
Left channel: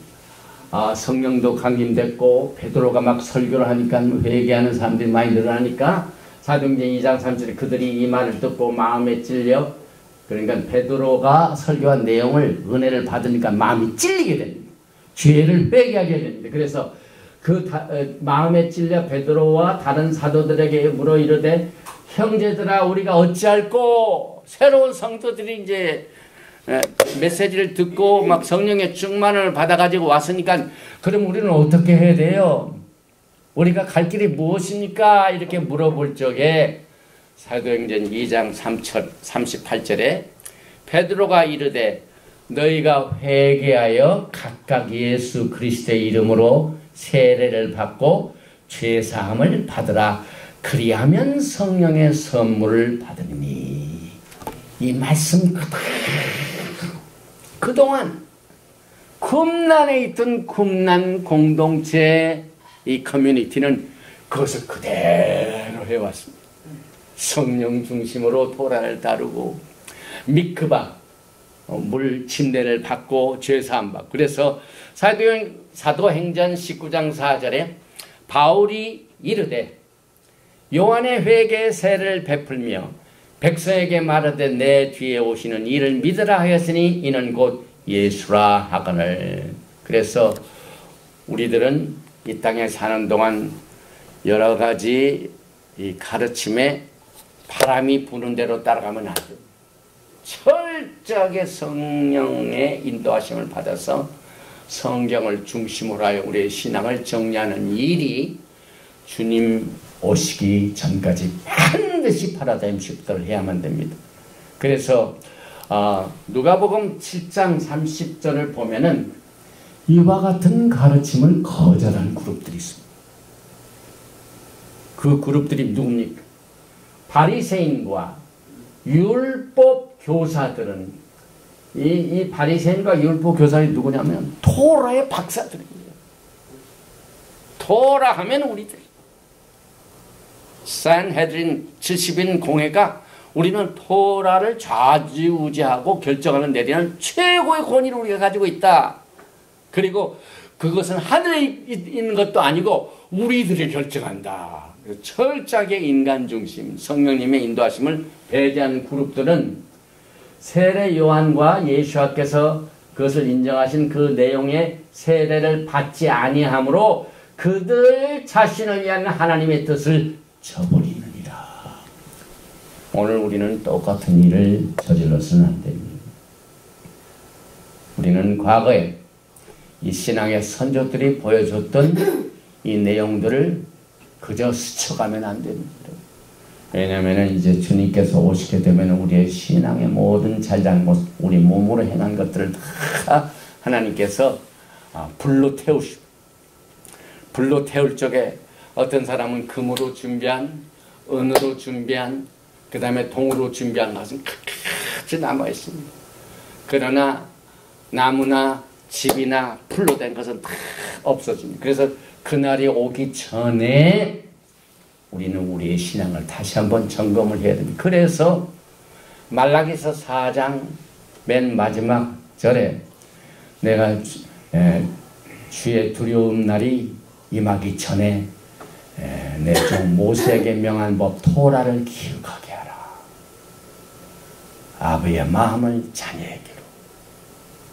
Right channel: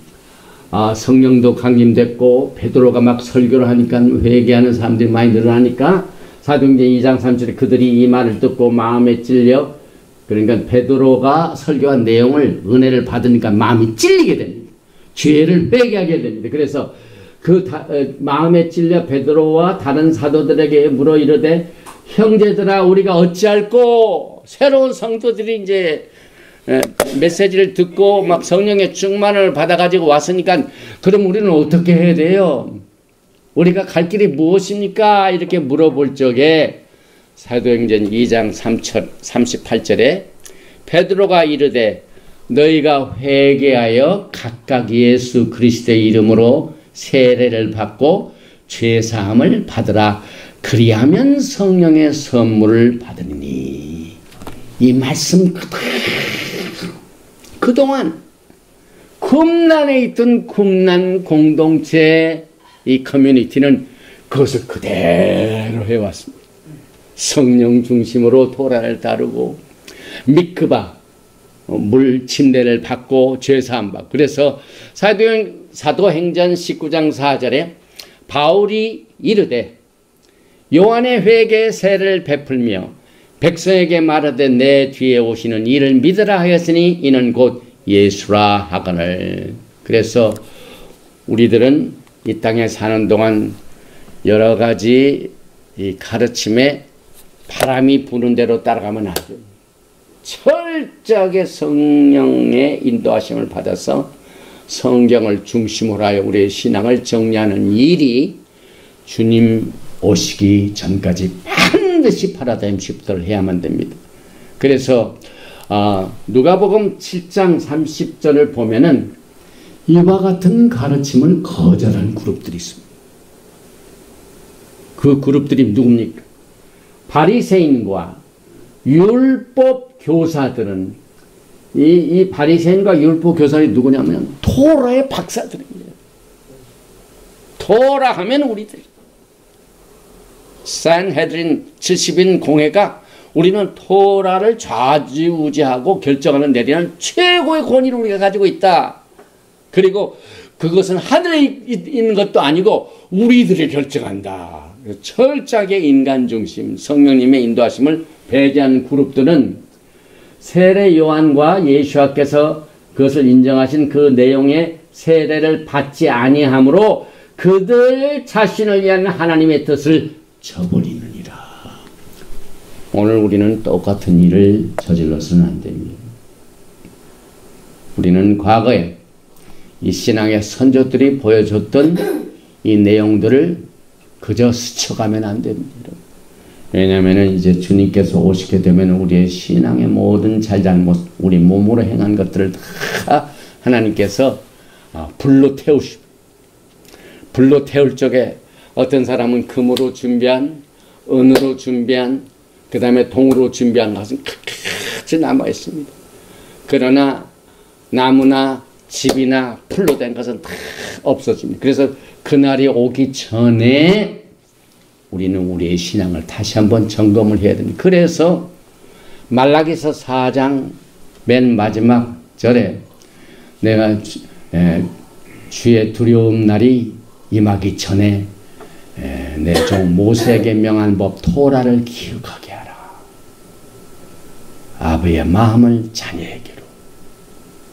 성령도 강림됐고 베드로가 막 설교를 하니까 회개하는 사람들이 많이 늘어나니까 사도행전 2장 37절에 그들이 이 말을 듣고 마음에 찔려, 그러니까 베드로가 설교한 내용을 은혜를 받으니까 마음이 찔리게 됩니다. 죄를 빼게 하게 됩니다. 그래서 마음에 찔려 베드로와 다른 사도들에게 물어 이르되 형제들아 우리가 어찌할꼬. 새로운 성도들이 이제 메시지를 듣고 막 성령의 충만을 받아가지고 왔으니까 그럼 우리는 어떻게 해야 돼요? 우리가 갈 길이 무엇입니까? 이렇게 물어볼 적에 사도행전 2장 38절에 베드로가 이르되 너희가 회개하여 각각 예수 그리스도의 이름으로 세례를 받고 죄사함을 받으라. 그리하면 성령의 선물을 받으리니. 이 말씀 그동안 굽난에 있던 굽난 공동체 이 커뮤니티는 그것을 그대로 해왔습니다. 성령 중심으로 토라를 다루고 미크바 물 침례를 받고 죄사함 받고. 그래서 사도행전 19장 4절에 바울이 이르되 요한의 회개의 세례를 베풀며 백성에게 말하되 내 뒤에 오시는 이를 믿으라 하였으니 이는 곧 예수라 하거늘. 그래서 우리들은 이 땅에 사는 동안 여러 가지 이 가르침에 바람이 부는 대로 따라가면 안 돼요. 철저하게 성령의 인도하심을 받아서 성경을 중심으로 하여 우리의 신앙을 정리하는 일이 주님 오시기 전까지 반드시 파라다임 시프트를 해야만 됩니다. 그래서 누가복음 7장 30절을 보면은 이와 같은 가르침을 거절한 그룹들이 있습니다. 그 그룹들이 누굽니까? 바리새인과 율법 교사들은 이 바리새인과 율법 교사들이 누구냐면 토라의 박사들입니다. 토라 하면 우리들 산헤드린 70인 공회가 우리는 토라를 좌지우지하고 결정하는 내리는 최고의 권위를 우리가 가지고 있다. 그리고 그것은 하늘에 있는 것도 아니고 우리들이 결정한다. 철저하게 인간 중심, 성령님의 인도하심을 배제하는 그룹들은 세례 요한과 예수와께서 그것을 인정하신 그 내용의 세례를 받지 아니하므로 그들 자신을 위한 하나님의 뜻을 저버리느니라. 오늘 우리는 똑같은 일을 저질러서는 안 됩니다. 우리는 과거에 이 신앙의 선조들이 보여줬던 이 내용들을 그저 스쳐가면 안 됩니다. 왜냐하면 이제 주님께서 오시게 되면 우리의 신앙의 모든 잘잘못, 우리 몸으로 행한 것들을 다 하나님께서 불로 태우시고, 불로 태울 적에 어떤 사람은 금으로 준비한, 은으로 준비한, 그 다음에 동으로 준비한 것은 같이 남아 있습니다. 그러나 나무나 집이나 풀로 된 것은 다 없어집니다. 그래서 그날이 오기 전에 우리는 우리의 신앙을 다시 한번 점검을 해야 됩니다. 그래서 말라기서 4장 맨 마지막 절에 내가 주의 두려움 날이 임하기 전에 내 종 모세에게 명한 법 토라를 기억하게 하라. 아버지의 마음을 자녀에게로,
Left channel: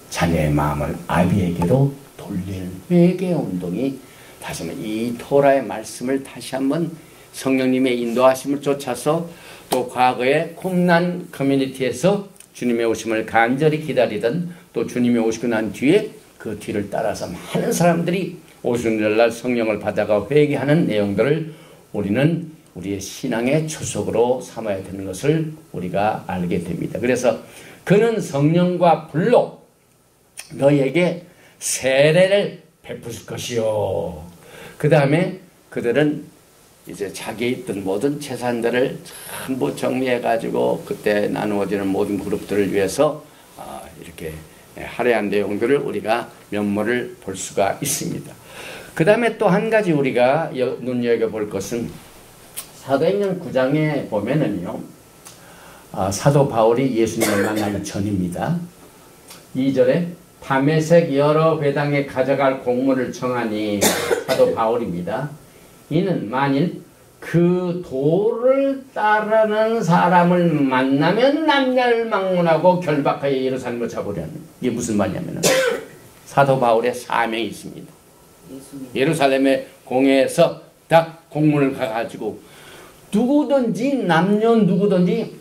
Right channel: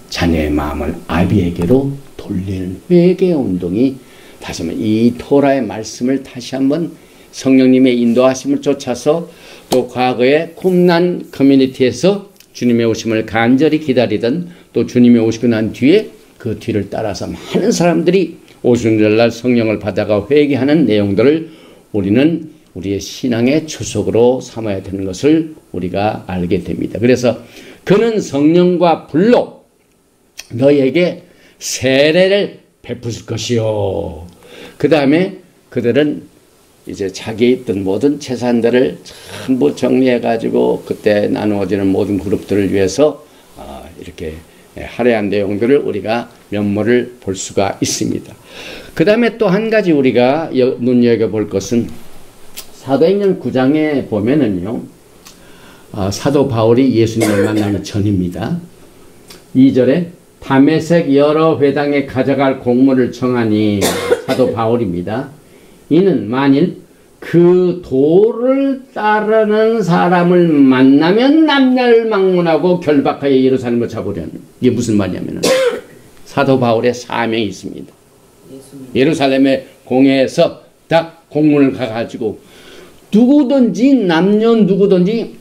자녀의 마음을 아비에게로 돌리는 회개 운동이 다시 한번 이 토라의 말씀을 다시 한번 성령님의 인도하심을 쫓아서 또 과거의 쿰난 커뮤니티에서 주님의 오심을 간절히 기다리던 또 주님이 오시고 난 뒤에 그 뒤를 따라서 많은 사람들이 오순절 날 성령을 받아가 회개하는 내용들을 우리는 우리의 신앙의 주석으로 삼아야 되는 것을 우리가 알게 됩니다. 그래서 그는 성령과 불로 너희에게 세례를 베푸실 것이요. 그 다음에 그들은 이제 자기에 있던 모든 재산들을 전부 정리해가지고 그때 나누어지는 모든 그룹들을 위해서 이렇게 할애한 내용들을 우리가 면모를 볼 수가 있습니다. 그 다음에 또 한 가지 우리가 눈여겨볼 것은 사도행전 9장에 보면은요, 사도 바울이 예수님을 만나기 전입니다. 2절에 다메섹 여러 회당에 가져갈 공문을 청하니 사도 바울입니다. 이는 만일 그 도를 따르는 사람을 만나면 남녀를 막론하고 결박하여 예루살렘을 잡으려는, 이게 무슨 말이냐면 사도 바울의 사명이 있습니다. 예루살렘의 공회에서 딱 공문을 가가지고 누구든지 남녀 누구든지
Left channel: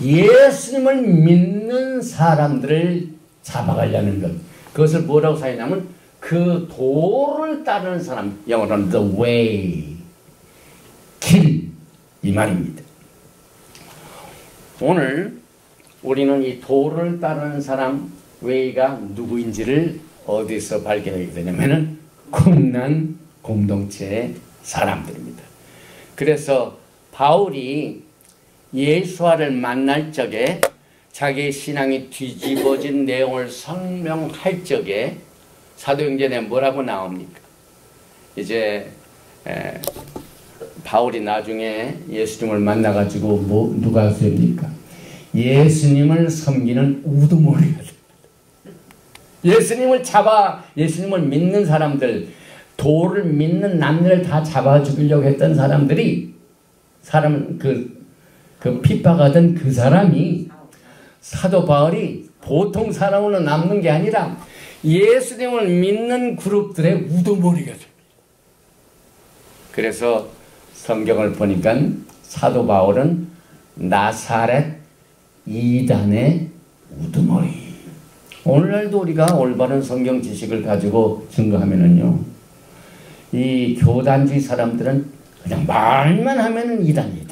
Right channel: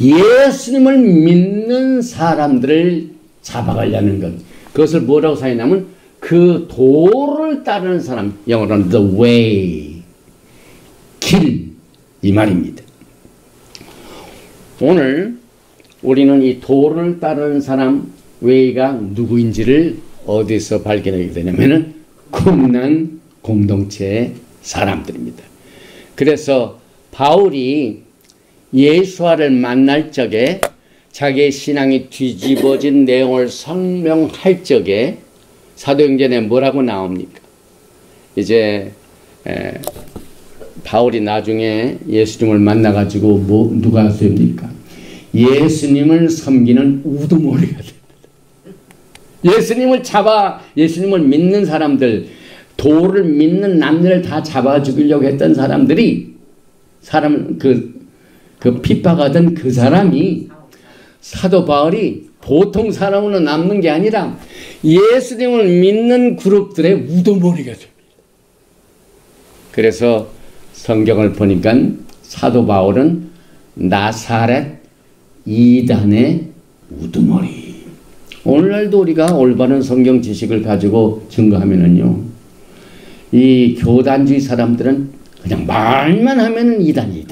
예수님을 믿는 사람들을 잡아가려는 것, 그것을 뭐라고 사용하냐면 그 도를 따르는 사람, 영어로는 the way, 길, 이 말입니다. 오늘 우리는 이 도를 따르는 사람, way가 누구인지를 어디서 발견하게 되냐면은 쿰난 공동체의 사람들입니다. 그래서 바울이 예수와를 만날 적에 자기의 신앙이 뒤집어진 내용을 설명할 적에 사도행전에 뭐라고 나옵니까? 이제 바울이 나중에 예수님을 만나가지고 누가 됩니까? 예수님을 섬기는 우두머리가 됩니다. 예수님을 예수님을 믿는 사람들, 도를 믿는 남녀를 다 잡아 죽이려고 했던 사람들이, 그 핍박하던 그 사람이 사도 바울이 보통 사람으로 남는 게 아니라 예수님을 믿는 그룹들의 우두머리가 됩니다. 그래서 성경을 보니까 사도 바울은 나사렛 이단의 우두머리. 오늘날도 우리가 올바른 성경 지식을 가지고 증거하면은요, 이 교단주의 사람들은 그냥 말만 하면은 이단.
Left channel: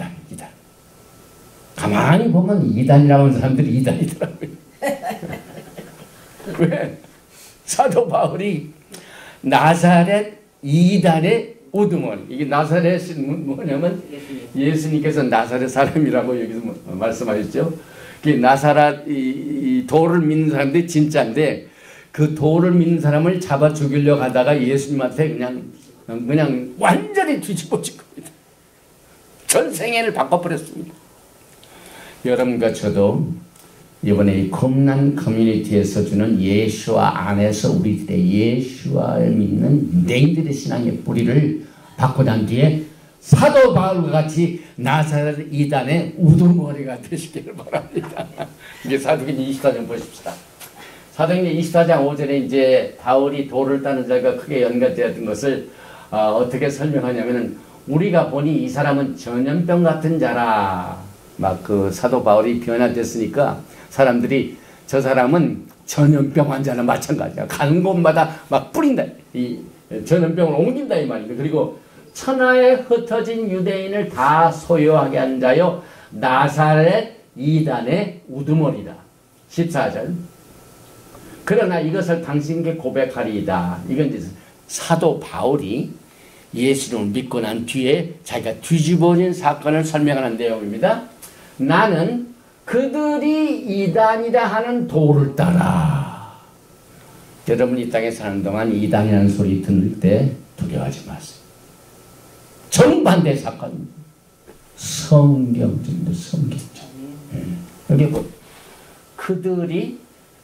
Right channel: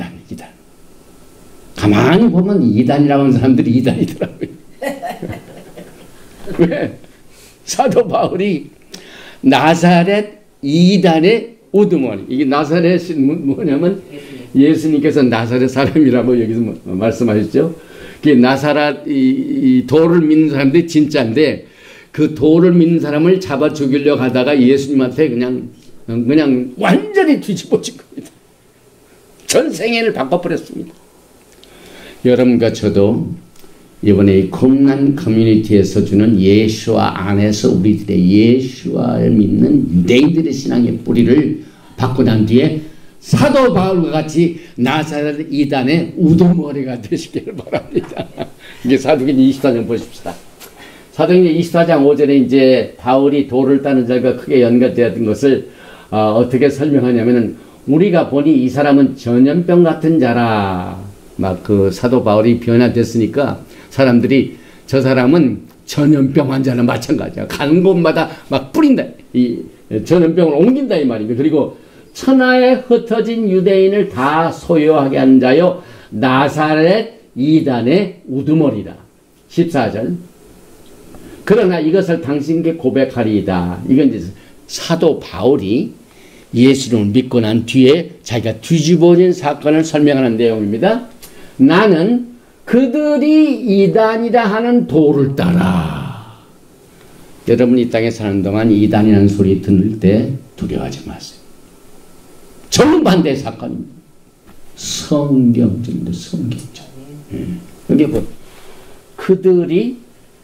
가만히 보면 이단이라고 하는 사람들이 이단이더라고요. 왜? 사도 바울이 나사렛 이단의 우두머리. 이게 나사렛이 뭐냐면 예수님께서 나사렛 사람이라고 여기서 말씀하셨죠. 나사렛 이 도를 믿는 사람들이 진짜인데 그 도를 믿는 사람을 잡아 죽이려고 하다가 예수님한테 그냥 완전히 뒤집어진 겁니다. 전생애를 바꿔버렸습니다. 여러분과 저도 이번에 이 쿰난 커뮤니티에서 주는 예수와 안에서 우리들의 예수와를 믿는 유대인들의 신앙의 뿌리를 받고 난 뒤에 사도 바울과 같이 나사렛 이단의 우두머리가 되시기를 바랍니다. 이게 사도행전 24장 보십시다. 사도행전 24장 5절에 이제 바울이 도를 따는 자가 크게 연관되었던 것을 어떻게 설명하냐면은 우리가 보니 이 사람은 전염병 같은 자라. 막 그 사도 바울이 변화됐으니까 사람들이 저 사람은 전염병 환자나 마찬가지야. 가는 곳마다 막 뿌린다. 이 전염병을 옮긴다 이 말입니다. 그리고 천하에 흩어진 유대인을 다 소유하게 한 자요 나사렛 이단의 우두머리다. 14절. 그러나 이것을 당신께 고백하리이다. 이건 이제 사도 바울이 예수를 믿고 난 뒤에 자기가 뒤집어진 사건을 설명하는 내용입니다. 나는 그들이 이단이라 하는 도를 따라. 여러분 이 땅에 사는 동안 이단이라는 소리 들을 때 두려워하지 마세요. 정반대 사건입니다. 성경적입니다. 성경적. 여기 보 그들이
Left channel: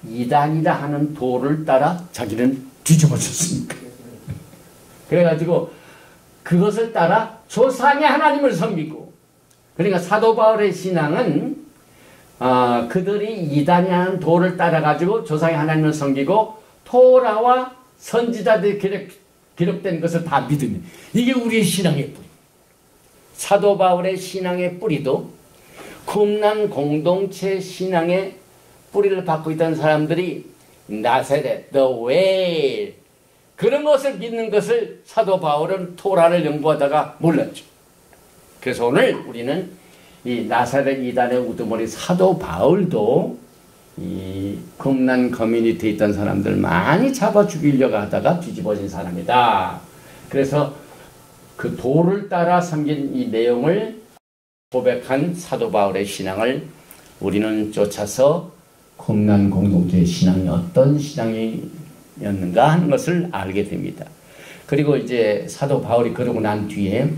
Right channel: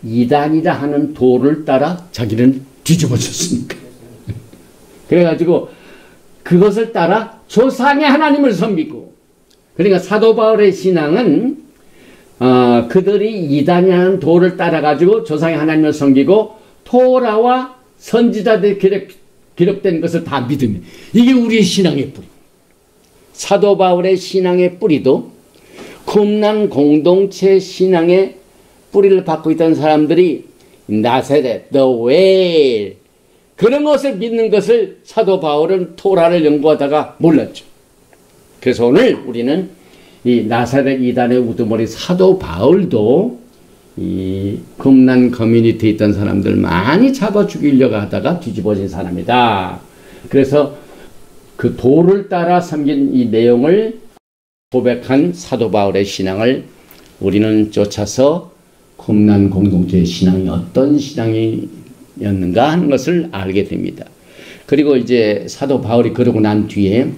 이단이라 하는 도를 따라 자기는 뒤집어졌으니까. 그래가지고 그것을 따라 조상의 하나님을 섬기고, 그러니까 사도 바울의 신앙은 그들이 이단이라는 도를 따라가지고 조상의 하나님을 섬기고 토라와 선지자들이 기록된 것을 다 믿으면 이게 우리의 신앙의 뿌리. 사도 바울의 신앙의 뿌리도 쿰란 공동체 신앙의 뿌리를 받고 있던 사람들이 나세렛, the way 그런 것을 믿는 것을 사도 바울은 토라를 연구하다가 몰랐죠. 그래서 오늘 우리는 이 나사렛 이단의 우두머리 사도 바울도 이 쿰란 커뮤니티에 있던 사람들 많이 잡아 죽이려고 하다가 뒤집어진 사람이다. 그래서 그 도를 따라 섬긴 이 내용을 고백한 사도 바울의 신앙을 우리는 쫓아서 쿰란 공동체의 신앙이 어떤 신앙이었는가 하는 것을 알게 됩니다. 그리고 이제 사도 바울이 그러고 난 뒤에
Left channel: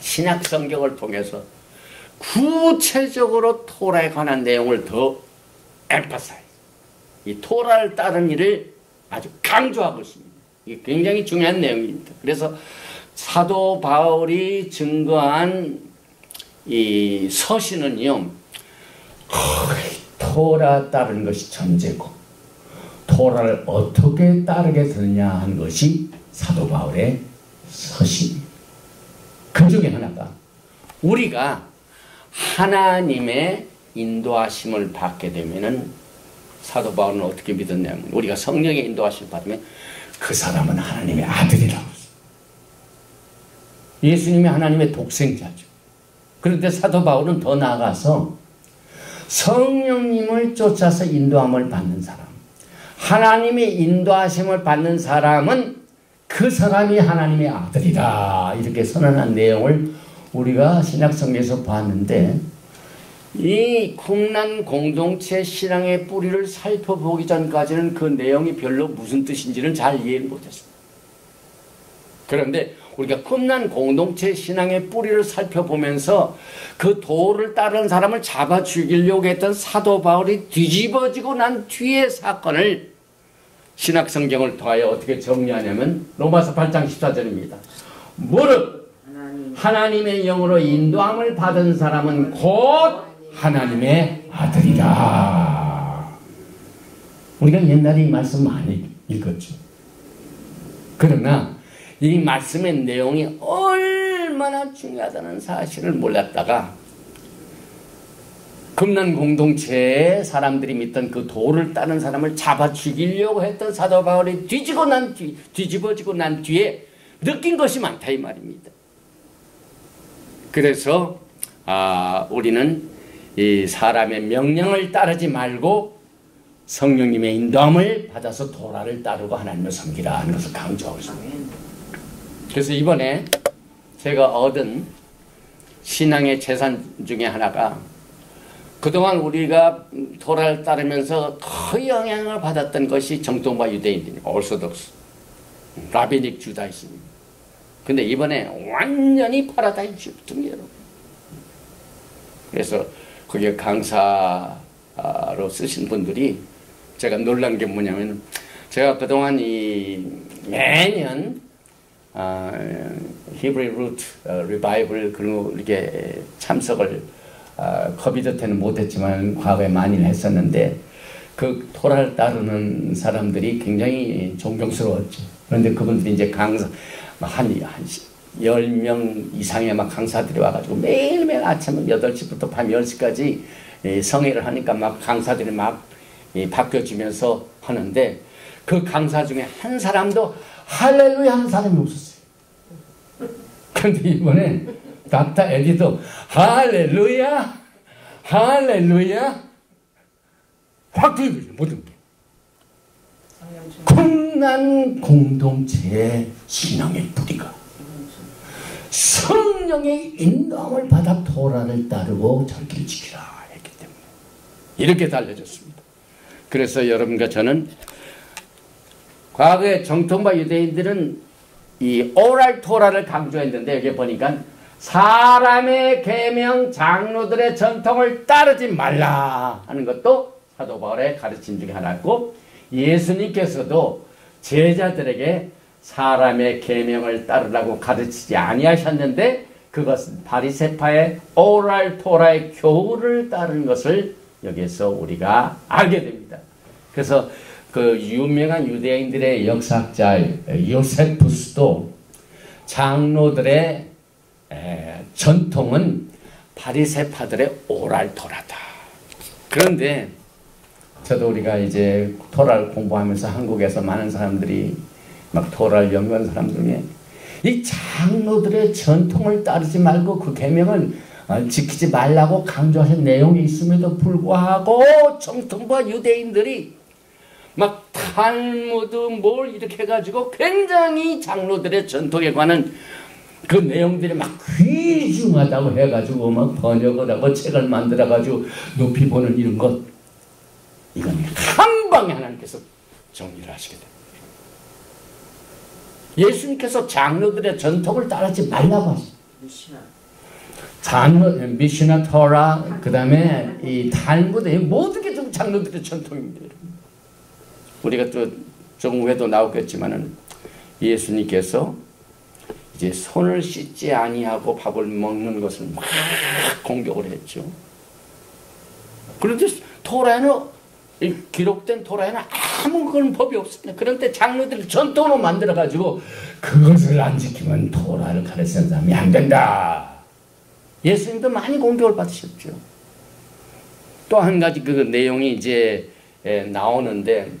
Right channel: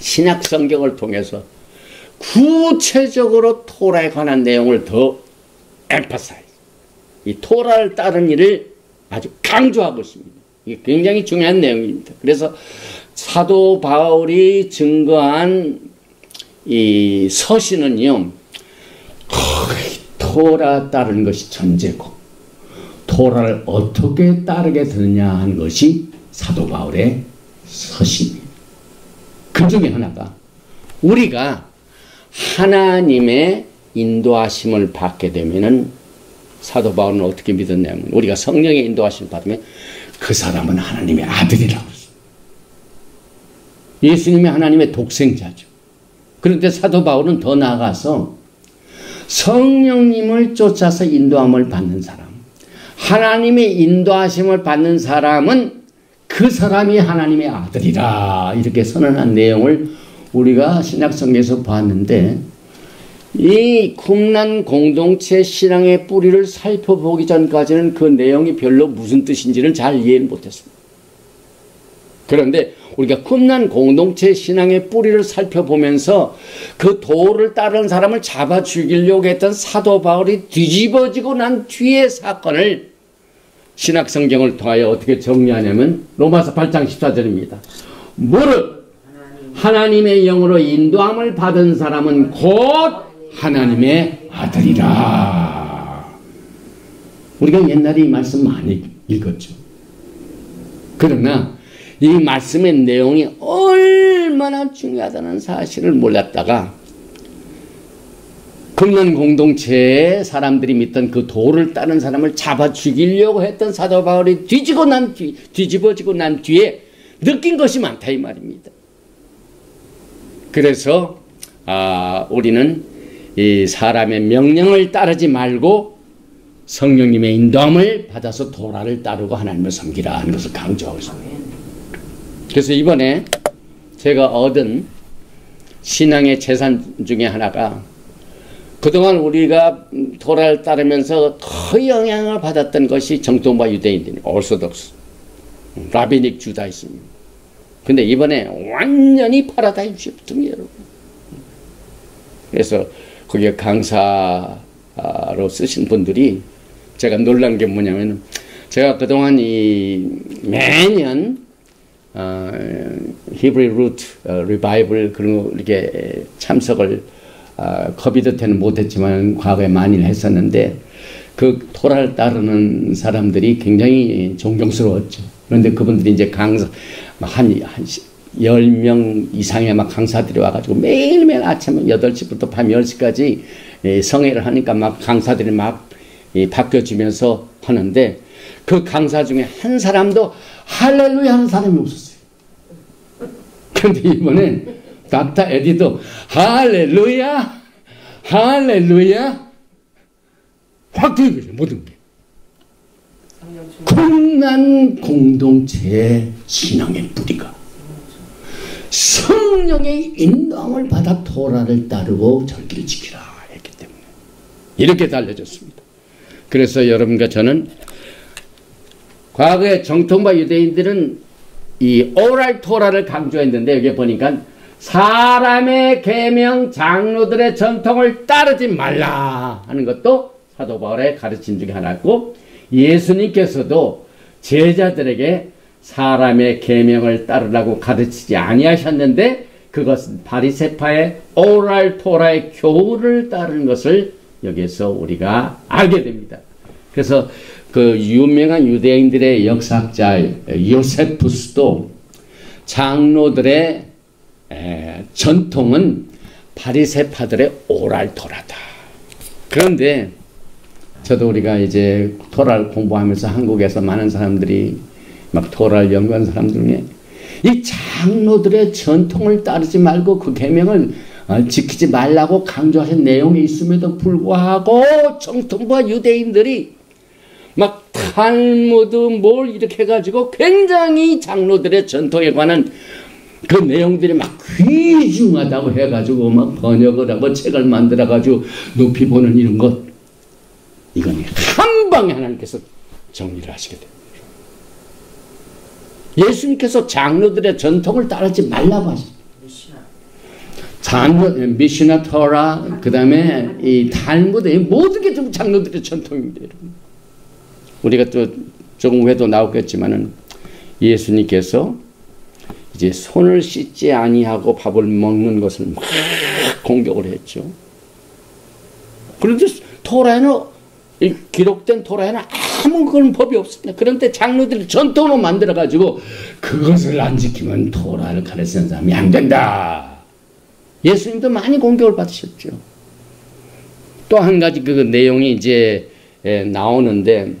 신약 성경을 통해서 구체적으로 토라에 관한 내용을 더 emphasize. 이 토라를 따르는 일을 아주 강조하고 있습니다. 이게 굉장히 중요한 내용입니다. 그래서 사도 바울이 증거한 이 서신은요, 토라 따르는 것이 전제고, 토라를 어떻게 따르게 되느냐 하는 것이 사도 바울의 서신입니다. 그 중에 하나가 우리가 하나님의 인도하심을 받게 되면은 사도 바울은 어떻게 믿었냐면 우리가 성령의 인도하심을 받으면 그 사람은 하나님의 아들이라고 했어요. 예수님이 하나님의 독생자죠. 그런데 사도 바울은 더 나아가서 성령님을 쫓아서 인도함을 받는 사람, 하나님의 인도하심을 받는 사람은 그 사람이 하나님의 아들이라 이렇게 선언한 내용을 우리가 신약성경에서 봤는데 이 쿰란 공동체 신앙의 뿌리를 살펴보기 전까지는 그 내용이 별로 무슨 뜻인지는 잘 이해를 못했습니다. 그런데 우리가 쿰란 공동체 신앙의 뿌리를 살펴보면서 그 도를 따르는 사람을 잡아 죽이려고 했던 사도 바울이 뒤집어지고 난 뒤의 사건을 신약성경을 통하여 어떻게 정리하냐면 로마서 8장 14절입니다. 무릇 하나님의 영으로 인도함을 받은 사람은 곧 하나님의 아들이라. 우리가 옛날에 이 말씀 많이 읽었죠. 그러나 이 말씀의 내용이 얼마나 중요하다는 사실을 몰랐다가 쿰란 공동체의 사람들이 믿던 그 도를 따른 사람을 잡아 죽이려고 했던 사도 바울이 뒤집어지고 난 뒤에 느낀 것이 많다 이 말입니다. 그래서 우리는 이 사람의 명령을 따르지 말고 성령님의 인도함을 받아서 도라를 따르고 하나님을 섬기라 하는 것을 강조하고 있습니다. 그래서 이번에 제가 얻은 신앙의 재산 중에 하나가 그동안 우리가 도라를 따르면서 큰 영향을 받았던 것이 정통파 유대인들이 오르소독스, 라비닉 주다이즘입니다. 근데 이번에 완전히 파라다임 시프트입니다, 여러분. 그래서 거기에 강사로 쓰신 분들이 제가 놀란 게 뭐냐면 제가 그동안 매년 히브리 루트 리바이벌 그런 거 이렇게 참석을 코비드 때는 못했지만 과거에 많이 했었는데 그 토라를 따르는 사람들이 굉장히 존경스러웠죠. 그런데 그분들이 이제 강사 한 10명 이상의 막 강사들이 와가지고 매일매일 아침 8시부터 밤 10시까지 성회를 하니까 막 강사들이 막 바뀌어지면서 하는데 그 강사 중에 한 사람도 할렐루야 하는 사람이 없었어요. 그런데 이번에 닥터 에디도 할렐루야 할렐루야 확 들거든요. 모든 게 쿰란 공동체의 신앙의 뿌리가 성령의 인도함을 받아 토라를 따르고 절기를 지키라 했기 때문에 이렇게 달려졌습니다. 그래서 여러분과 저는 과거에 정통파 유대인들은 이 오랄 토라를 강조했는데 여기 보니까 사람의 계명 장로들의 전통을 따르지 말라 하는 것도 사도 바울의 가르침 중에 하나고 예수님께서도 제자들에게 사람의 계명을 따르라고 가르치지 아니하셨는데 그것은 바리새파의 오랄 토라의 교훈을 따르는 것을 여기에서 우리가 알게 됩니다. 그래서 그 유명한 유대인들의 역사학자 요세푸스도 장로들의 전통은 바리새파들의 오랄 토라다. 그런데 저도 우리가 이제 토라를 공부하면서 한국에서 많은 사람들이 막 토라를 연구한 사람들 중에 이 장로들의 전통을 따르지 말고 그 계명을 지키지 말라고 강조하신 내용이 있음에도 불구하고 정통파 유대인들이 막 탈무드 뭘 이렇게 해가지고 굉장히 장로들의 전통에 관한 그 내용들이 막 귀중하다고 해가지고 막 번역을 하고 책을 만들어가지고 높이 보는 이런 것, 이건 한 방에 하나님께서 정리를 하시게 됩니다. 예수님께서 장로들의 전통을 따르지 말라고 하십니다. 미시나 토라, 그 다음에 이 탈무드, 모든 게 좀 장로들의 전통입니다. 우리가 또 조금 후에도 나오겠지만은 예수님께서 이제 손을 씻지 아니하고 밥을 먹는 것을 막 공격을 했죠. 그런데 토라에는, 기록된 토라에는 아무 그런 법이 없습니다. 그런데 장로들이 전통으로 만들어가지고 그것을 안 지키면 토라를 가르치는 사람이 안 된다. 예수님도 많이 공격을 받으셨죠. 또 한 가지 그 내용이 이제 나오는데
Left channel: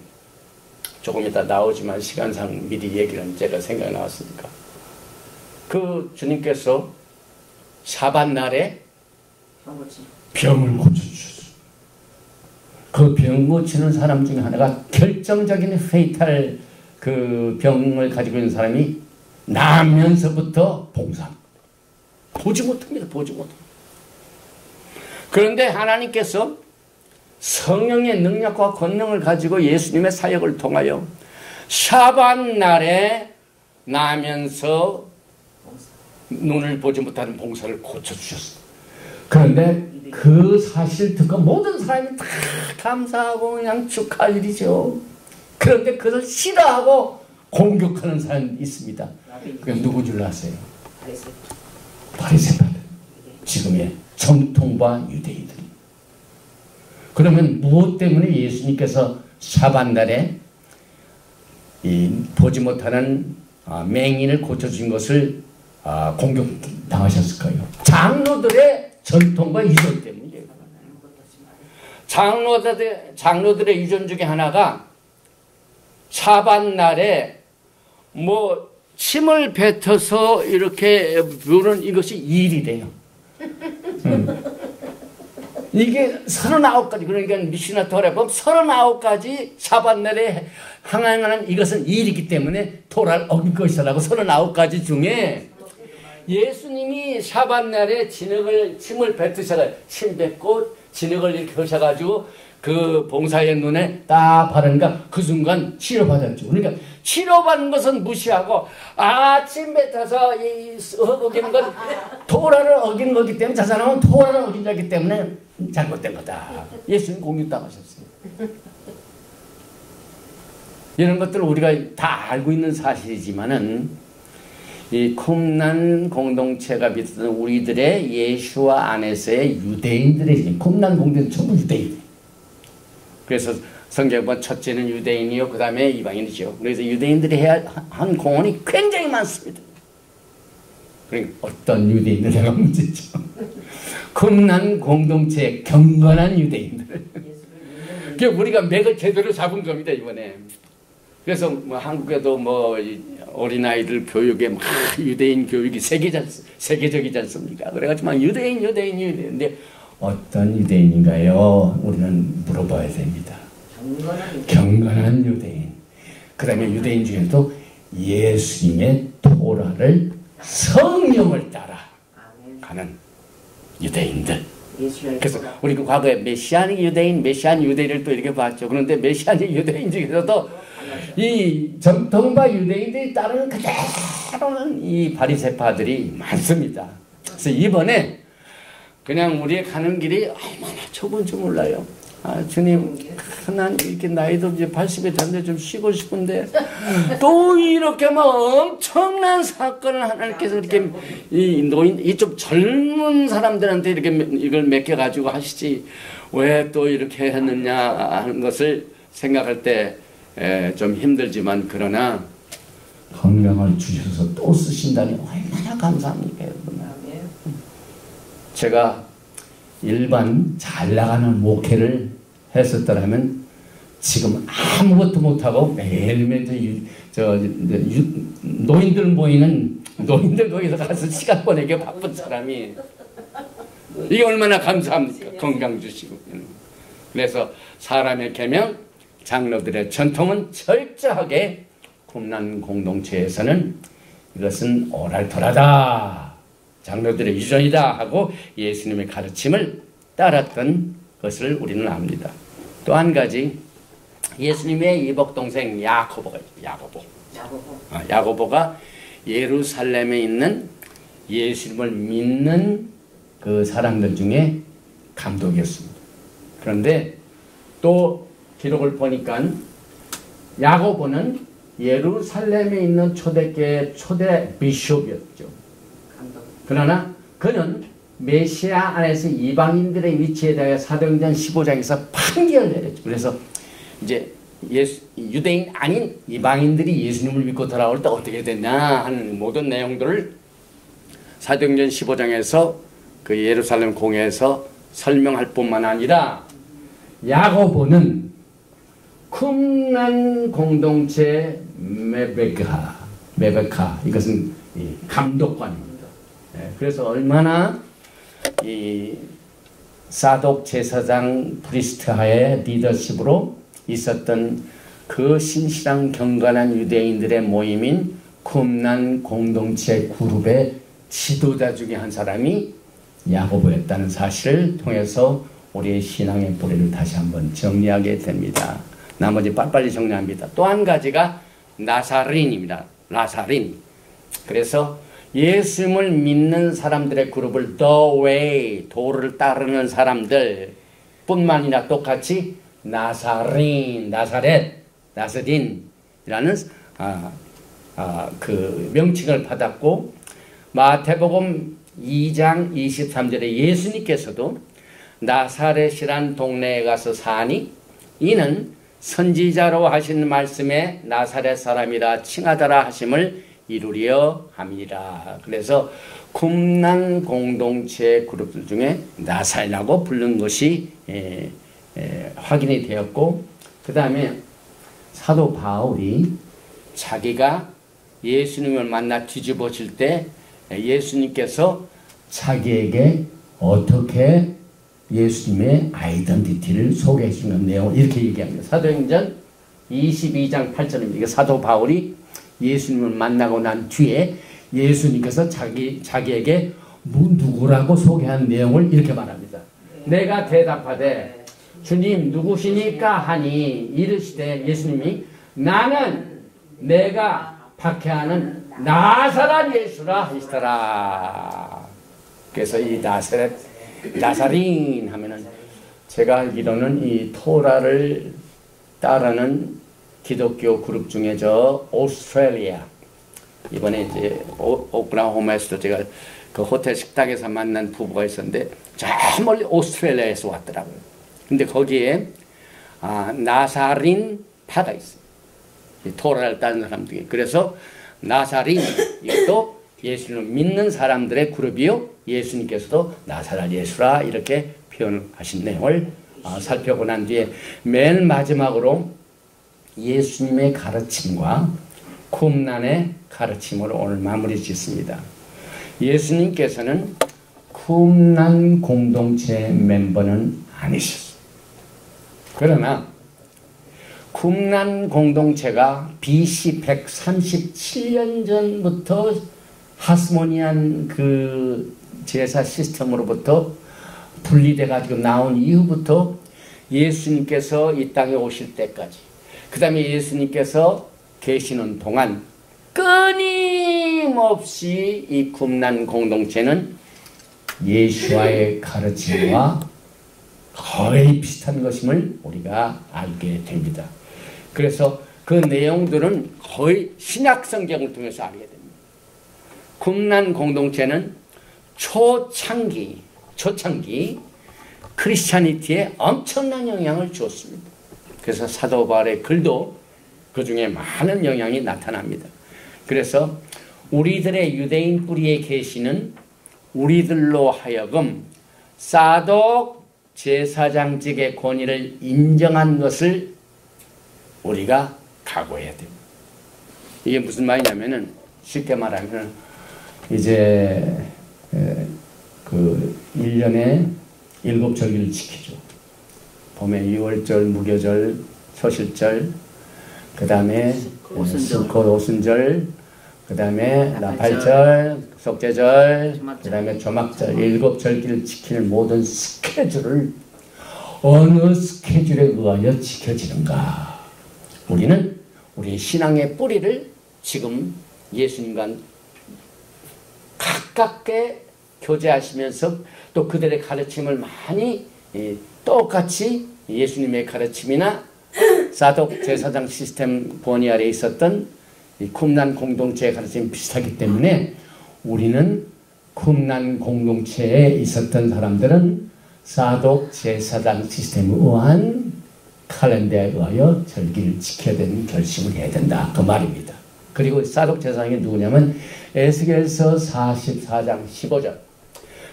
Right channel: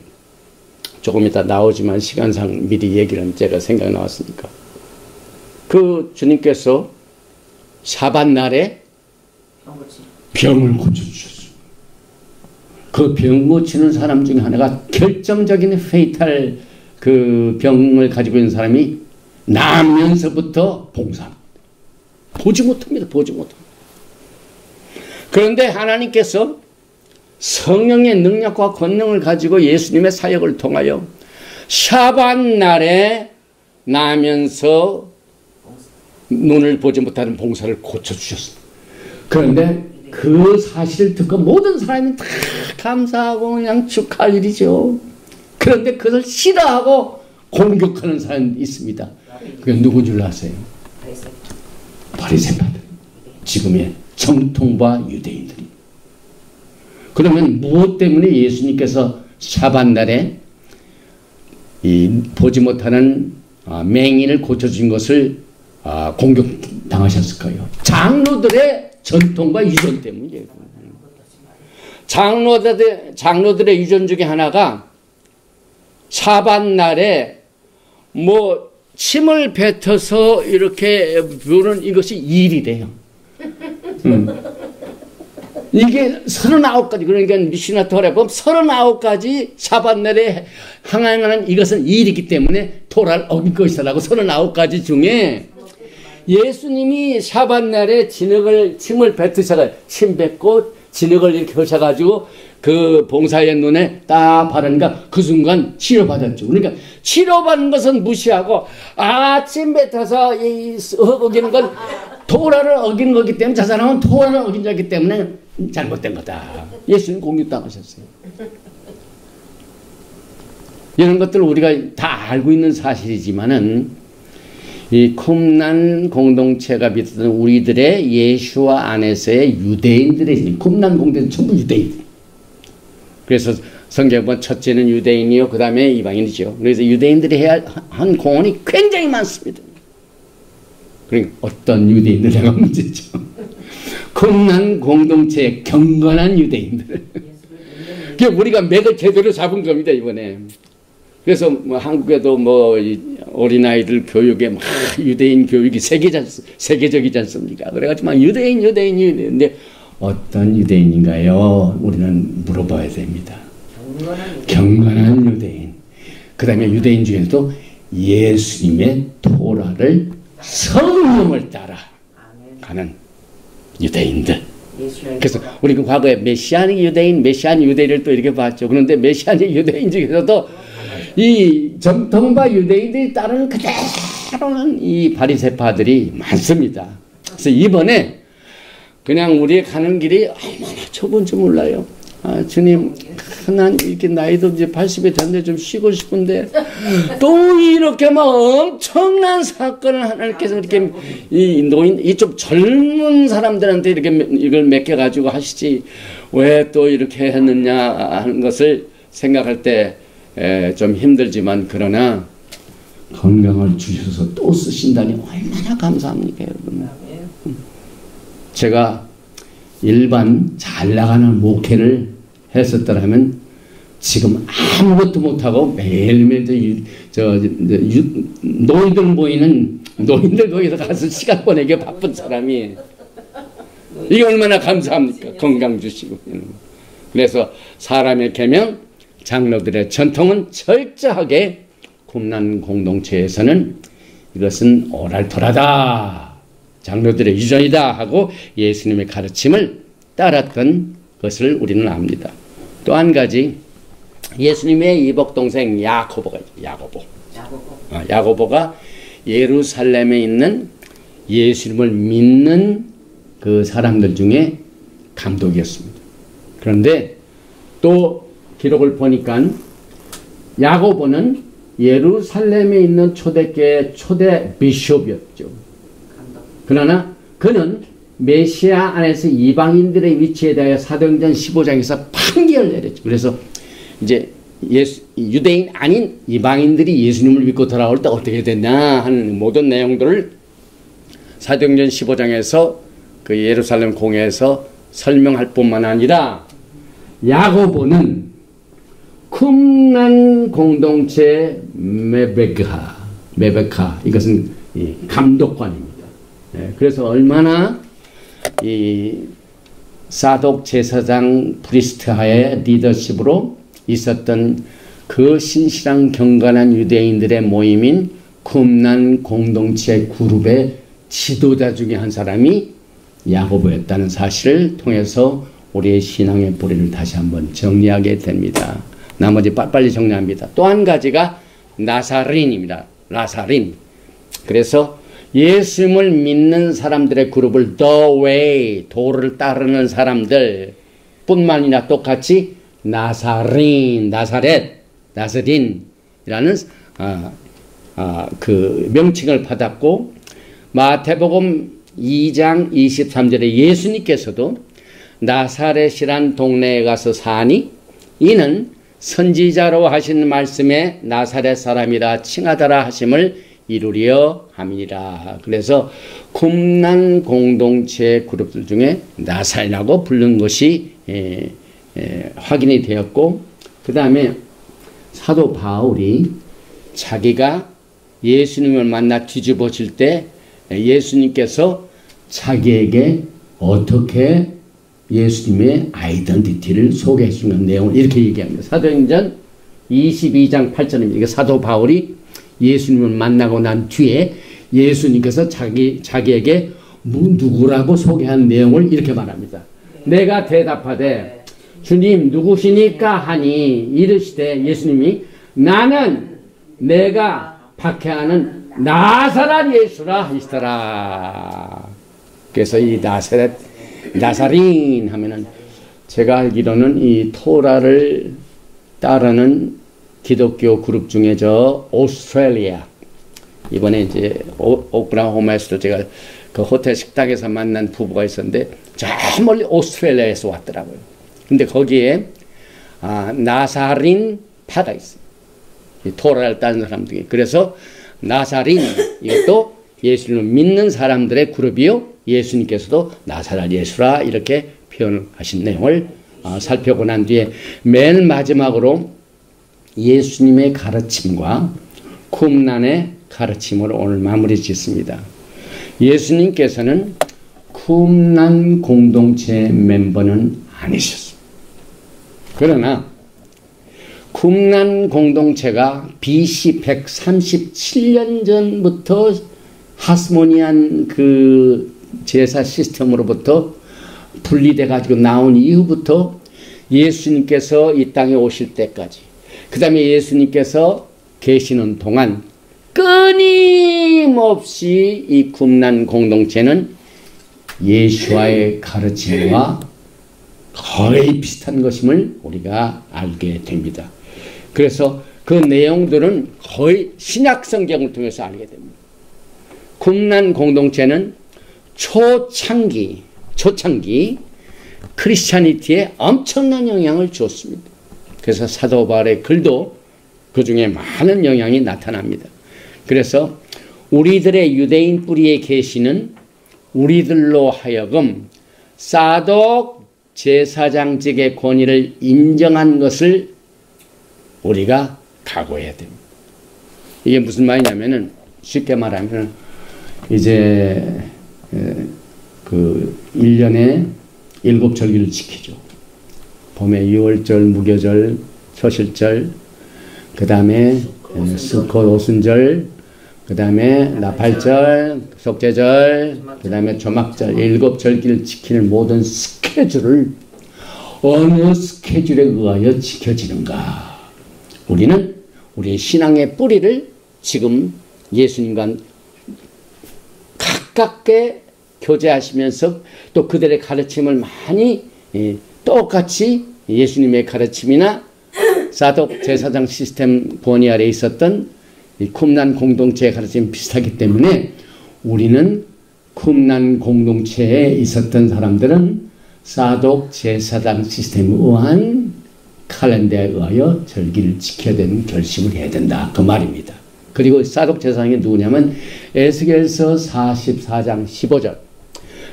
조금 이따 나오지만 시간상 미리 얘기를 제가 생각이 나왔으니까. 그 주님께서 사밧날에 병을 고쳐주셨어요. 그 병 고치는 사람 중에 하나가 결정적인 페이탈 그 병을 가지고 있는 사람이 나면서부터 봉사합니다. 보지 못합니다. 보지 못합니다. 그런데 하나님께서 성령의 능력과 권능을 가지고 예수님의 사역을 통하여 샤밧날에 나면서 눈을 보지 못하는 봉사를 고쳐주셨어요. 그런데 그 사실을 듣고 모든 사람이 다 감사하고 그냥 축하할 일이죠. 그런데 그것을 싫어하고 공격하는 사람이 있습니다. 그게 누군 줄 아세요? 바리새파들. 지금의 정통파 유대인들. 그러면 무엇 때문에 예수님께서 샤밧날에 이 보지 못하는 맹인을 고쳐준 것을 공격당하셨을까요? 장로들의 전통과 유전 때문이에요. 장로들의 유전 중에 하나가 샤밧날에 뭐 침을 뱉어서 이렇게 부는 이것이 일이래요. 이게 39가지, 그러니까 미시나 토라에 보면 39가지 샤밧날에 항하는 이것은 일이기 때문에 토라를 어길 것이라고 39가지 중에 예수님이 샤밧날에 침을 뱉으셔가 침 뱉고 진흙을 이렇게 하셔가지고 그 봉사의 눈에 딱 바르니까 그 순간 치료받았죠. 그러니까 치료받는 것은 무시하고 침 뱉어서 어기는 건 토라를 어긴 거기 때문에 저 사람은 토라를 어긴 자기 때문에 잘못된 거다. 예수님 공격당하셨어요. 이런 것들을 우리가 다 알고 있는 사실이지만은 이 쿰난 공동체가 비롯한 우리들의 예수와 안에서의 유대인들의 쿰난 공동체는 전부 유대인. 그래서 성경에 보면 첫째는 유대인이요, 그 다음에 이방인이죠. 그래서 유대인들이 해야 한 공헌이 굉장히 많습니다. 그러니까 어떤 유대인들에가 문제죠. 쿰난 공동체의 경건한 유대인들. 우리가 맥을 제대로 잡은 겁니다, 이번에. 그래서 뭐 한국에도 뭐 어린아이들 교육에 막 유대인 교육이 세계적이지 않습니까? 그래가지고 막 유대인. 근데 어떤 유대인인가요? 우리는 물어봐야 됩니다. 경건한 유대인. 그 다음에 유대인 중에도 예수님의 토라를 성령을 따라 가는 유대인들. 그래서 우리가 과거에 메시아닉 유대인을 또 이렇게 봤죠. 그런데 메시아닉 유대인 중에서도 이 정통파 유대인들이 따르는 그대로는 이 바리새파들이 많습니다. 그래서 이번에 그냥 우리의 가는 길이 얼마나 좁은지 몰라요. 주님, 난 이렇게 나이도 이제 80이 됐는데 좀 쉬고 싶은데, 또 이렇게 막 엄청난 사건을 하나님께서 이렇게, 이 좀 젊은 사람들한테 이렇게 이걸 맡겨가지고 하시지, 왜 또 이렇게 했느냐 하는 것을 생각할 때 좀 힘들지만, 그러나 건강을 주셔서 또 쓰신다니 얼마나 감사합니까, 여러분. 제가 일반 잘 나가는 목회를 했었더라면 지금 아무것도 못하고 매일매일 노인들 모이는 노인들 거기서 가서 시간 보내기 바쁜 사람이 이게 얼마나 감사합니까? 건강 주시고. 그래서 사람의 계명, 장로들의 전통은 철저하게 쿰난 공동체에서는 이것은 오랄토라다, 장로들의 유전이다 하고 예수님의 가르침을 따랐던 것을 우리는 압니다. 또 한 가지, 예수님의 이복동생 야고보가 있어요. 야고보가 예루살렘에 있는 예수님을 믿는 그 사람들 중에 감독이었습니다. 그런데 또 기록을 보니까 야고보는 예루살렘에 있는 초대교회 초대 비숍이었죠. 그러나 그는 메시아 안에서 이방인들의 위치에 대하여 사도행전 15장에서 판결을 내렸죠. 그래서 이제 유대인 아닌 이방인들이 예수님을 믿고 돌아올 때 어떻게 됐냐 하는 모든 내용들을 사도행전 15장에서 그 예루살렘 공회에서 설명할 뿐만 아니라 야고보는 쿰난 공동체 메베카, 이것은 감독관입니다. 그래서 얼마나 이 사독 제사장 브리스트하의 리더십으로 있었던 그 신실한 경건한 유대인들의 모임인 쿰난 공동체 그룹의 지도자 중에 한 사람이 야고보였다는 사실을 통해서 우리의 신앙의 뿌리를 다시 한번 정리하게 됩니다. 나머지 빨리 정리합니다. 또 한 가지가 나사린입니다. 나사린. 그래서 예수님을 믿는 사람들의 그룹을 The Way, 도를 따르는 사람들 뿐만이나 똑같이 나사린이라는 그 명칭을 받았고, 마태복음 2장 23절에 예수님께서도 나사렛이란 동네에 가서 사니 이는 선지자로 하신 말씀에 나사렛 사람이라 칭하더라 하심을 이루려 함이니라. 그래서 쿰난 공동체 그룹들 중에 나사렛이라고 부른 것이 확인이 되었고, 그 다음에 사도 바울이 자기가 예수님을 만나 뒤집어질 때 예수님께서 자기에게 어떻게 예수님의 아이덴티티를 소개해 주는 내용을 이렇게 얘기합니다. 사도행전 22장 8절입니다. 이게 사도 바울이 예수님을 만나고 난 뒤에 예수님께서 자기에게 누구라고 소개한 내용을 이렇게 말합니다. 내가 대답하되 주님 누구시니까 하니 이르시되 예수님이 나는 내가 박해하는 나사렛 예수라 하시더라. 그래서 이 나사린 하면은 제가 알기로는 이 토라를 따르는 기독교 그룹 중에 오스트레일리아, 이번에 이제 오클라호마에서도 제가 그 호텔 식당에서 만난 부부가 있었는데 저 멀리 오스트레일리아에서 왔더라고요. 근데 거기에 나사린 파가 있어요. 이 토라를 따르는 사람들이. 그래서 나사린, 이것도 예수님을 믿는 사람들의 그룹이요, 예수님께서도 나사렛 예수라 이렇게 표현하신 내용을 살펴보고 난 뒤에 맨 마지막으로 예수님의 가르침과 쿰난의 가르침으로 오늘 마무리 짓습니다. 예수님께서는 쿰난 공동체 멤버는 아니셨습니다. 그러나 쿰난 공동체가 BC 137년 전부터 하스모니안 그 제사 시스템으로부터 분리돼 가지고 나온 이후부터 예수님께서 이 땅에 오실 때까지, 그 다음에 예수님께서 계시는 동안 끊임없이 이 쿰난 공동체는 예수와의 가르침과 거의 비슷한 것임을 우리가 알게 됩니다. 그래서 그 내용들은 거의 신약 성경을 통해서 알게 됩니다. 쿰란 공동체는 초창기 크리스찬이티에 엄청난 영향을 주었습니다. 그래서 사도 바울의 글도 그 중에 많은 영향이 나타납니다. 그래서 우리들의 유대인 뿌리의 계시는 우리들로 하여금 사독 제사장직의 권위를 인정한 것을 우리가 각오해야 됩니다. 이게 무슨 말이냐면은 쉽게 말하면 이제 그 1년에 7절기를 지키죠. 봄에 유월절, 무교절, 초실절, 그 다음에 스콧 오순절, 그 다음에 나팔절, 속죄절, 그 다음에 조막절, 7절기를 지키는 모든 스케줄을 어느 스케줄에 의하여 지켜지는가? 우리는 우리의 신앙의 뿌리를 지금 예수님과 가깝게 교제하시면서 또 그들의 가르침을 많이 똑같이 예수님의 가르침이나 사독 제사장 시스템 권위 아래 있었던 이 쿰란 공동체의 가르침이 비슷하기 때문에 우리는 쿰란 공동체에 있었던 사람들은 사독 제사장 시스템에 의한 칼렌더에 의하여 절기를 지켜야 되는 결심을 해야 된다. 그 말입니다. 그리고 사독 제사장이 누구냐면 에스겔서 44장 15절,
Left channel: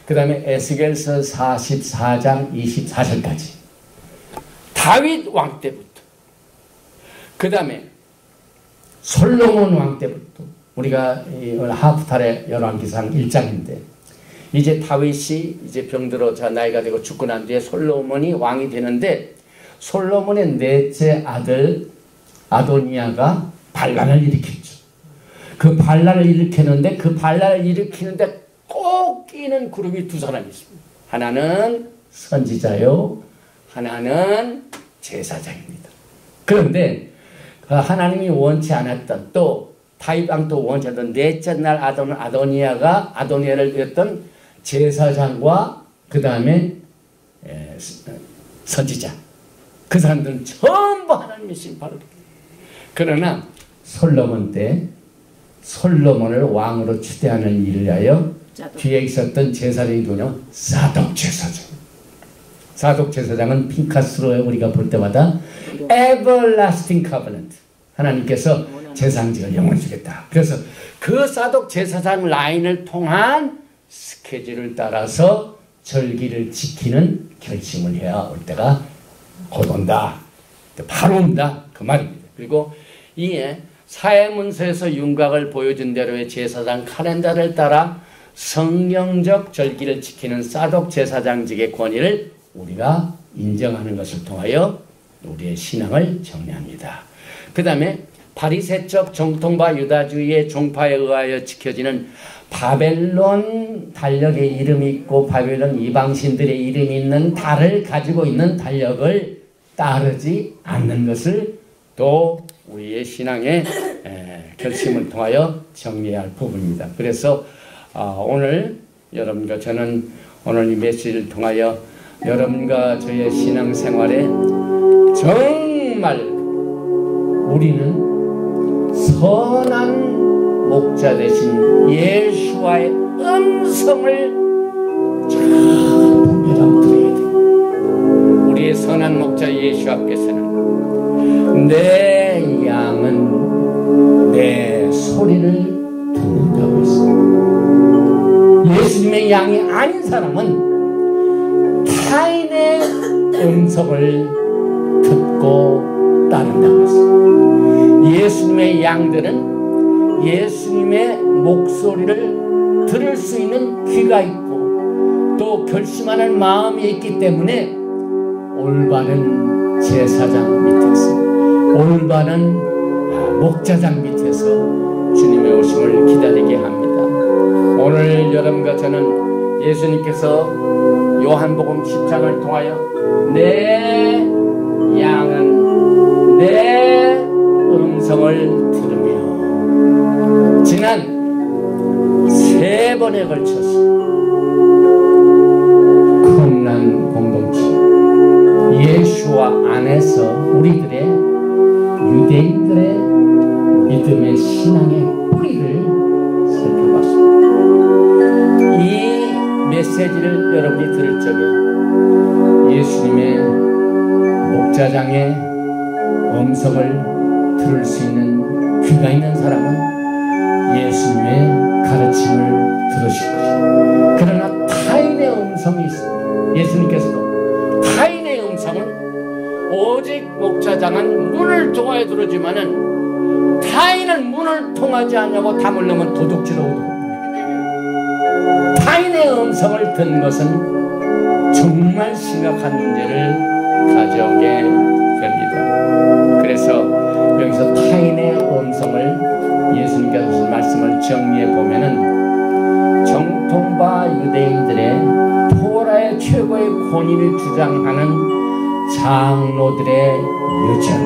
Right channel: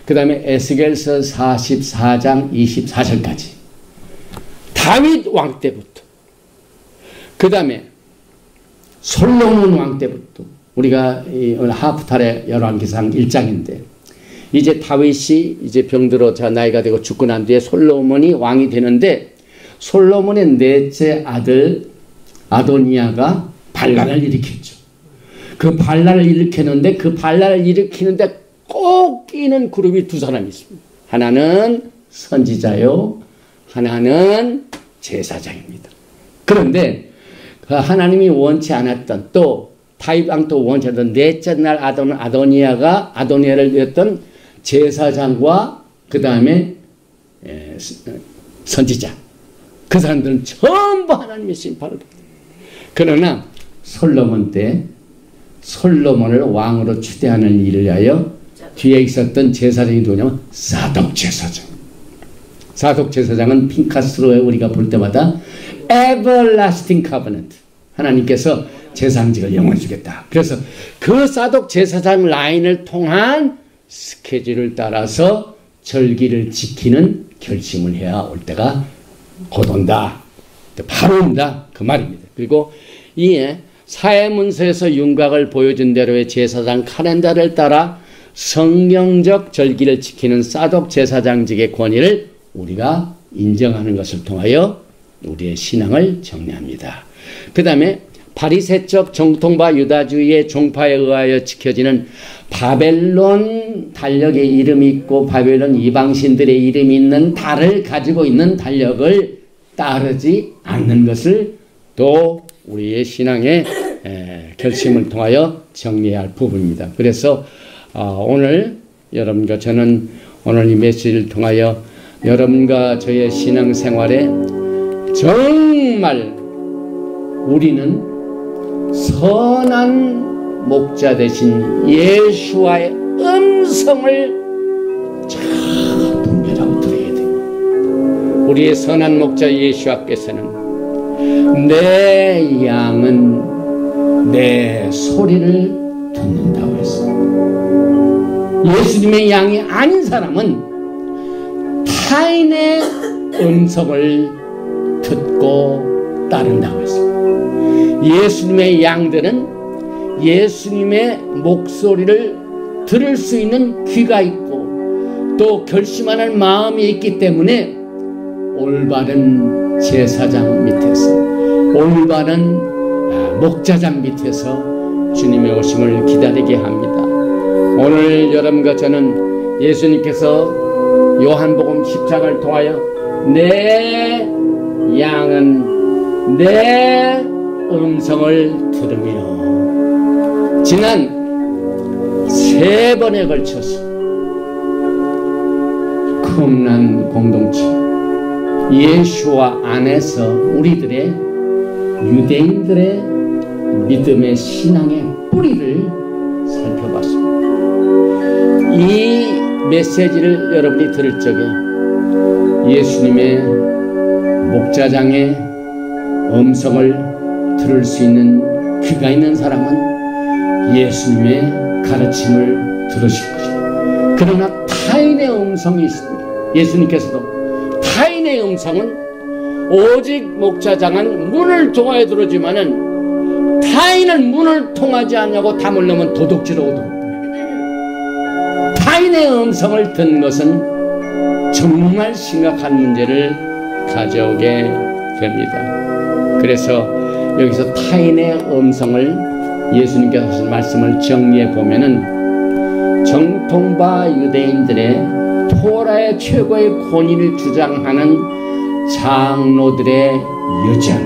그 다음에 에스겔서 44장 24절까지 다윗 왕 때부터, 그 다음에 솔로몬 왕 때부터, 우리가 오늘 하프탈의 열왕기상 1장인데 이제 다윗이 이제 병들어 자 나이가 되고 죽고 난 뒤에 솔로몬이 왕이 되는데 솔로몬의 넷째 아들 아도니아가 반란을 일으켰죠. 그 반란을 일으켰는데 그 반란을 일으키는데 꼭 끼는 그룹이 두 사람이 있습니다. 하나는 선지자요, 하나는 제사장입니다. 그런데 그 하나님이 원치 않았던 또 다윗 왕도 원치 않았던 넷째 날 아도니아를 위했던 제사장과 그 다음에 선지자, 그 사람들은 전부 하나님의 심판을 받습니다. 그러나 솔로몬 때 솔로몬을 왕으로 추대하는 일을 위하여 뒤에 있었던 제사장이 누구냐면 사독 제사장. 사독 제사장은 핑카스로 우리가 볼 때마다 everlasting covenant, 하나님께서 제사장직을 영원히 주겠다. 그래서 그 사독 제사장 라인을 통한 스케줄을 따라서 절기를 지키는 결심을 해야 올 때가 곧 온다, 바로 온다, 그 말입니다. 그리고 이에 사회문서에서 윤곽을 보여준 대로의 제사장 칼렌더를 따라 성경적 절기를 지키는 사독 제사장직의 권위를 우리가 인정하는 것을 통하여 우리의 신앙을 정리합니다. 그 다음에 바리새적 정통파 유다주의의 종파에 의하여 지켜지는 바벨론 달력의 이름이 있고 바벨론 이방신들의 이름이 있는 달을 가지고 있는 달력을 따르지 않는 것을 또 우리의 신앙의 결심을 통하여 정리해야 할 부분입니다. 그래서 오늘 여러분과 저는 오늘 이 메시지를 통하여 여러분과 저의 신앙생활에 정말 우리는 선한 목자 되신 예수와의 음성을 잘 분별하고 들어야 됩니다. 우리의 선한 목자 예수 앞에서는 내 양은 내 소리를 듣는다고 했습니다. 예수님의 양이 아닌 사람은 타인의 음성을 듣고 따른다고 했습니다. 예수님의 양들은 예수님의 목소리를 들을 수 있는 귀가 있고 또 결심하는 마음이 있기 때문에 올바른 제사장 밑에서, 올바른 목자장 밑에서 주님의 오심을 기다리게 합니다. 오늘 여러분과 저는 예수님께서 요한복음 10장을 통하여 내 양은 내 음성을 들으며 지난 3번에 걸쳐서 쿰란 공동체, 예수와 안에서 우리들의 유대인들의 믿음의 신앙의 뿌리를 살펴봤습니다. 이 메시지를 여러분이 들을 적에 예수님의 목자장의 음성을 들을 수 있는 귀가 있는 사람은 예수님의 가르침을 들으실 것입니다. 그러나 타인의 음성이 있습니다. 예수님께서도 타인의 음성은 오직 목자장은 문을 통하여 들어주면은 타인은 문을 통하지 않냐고 담을 넣으면 도둑질하고 타인의 음성을 듣는 것은 정말 심각한 문제를 가져오게 됩니다. 그래서 여기서 타인의 음성을 예수님께서 하신 말씀을 정리해 보면은 정통파 유대인들의 토라의 최고의 권위를 주장하는 장로들의 유전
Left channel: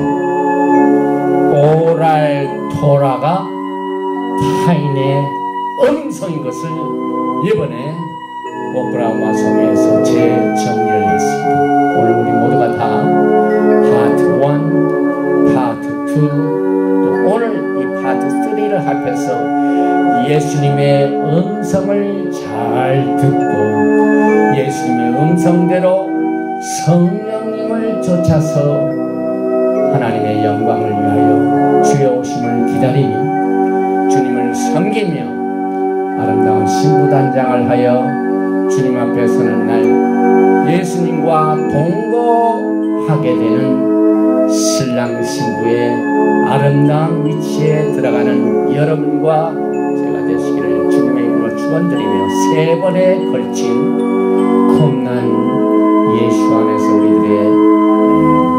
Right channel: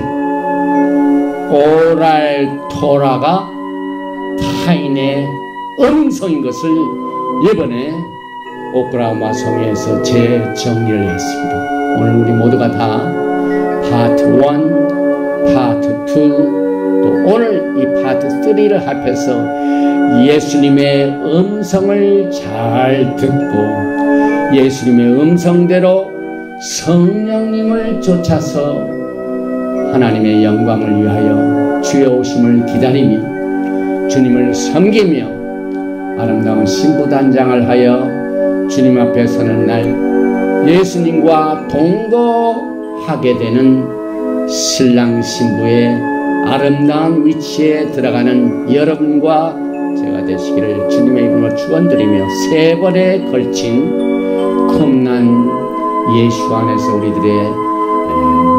오랄 토라가 타인의 음성인 것을 이번에 오클라호마 성에서 재정리를 했습니다. 오늘 우리 모두가 다 파트 1, 파트 2, 또 오늘 이 파트 3를 합해서 예수님의 음성을 잘 듣고 예수님의 음성대로 성령님을 쫓아서 하나님의 영광을 위하여 주의 오심을 기다리며 주님을 섬기며 아름다운 신부단장을 하여 주님 앞에 서는 날 예수님과 동거하게 되는 신랑 신부의 아름다운 위치에 들어가는 여러분과 제가 되시기를 주님의 이름으로 축원드리며 세 번에 걸친 콤난 예수 안에서 우리들의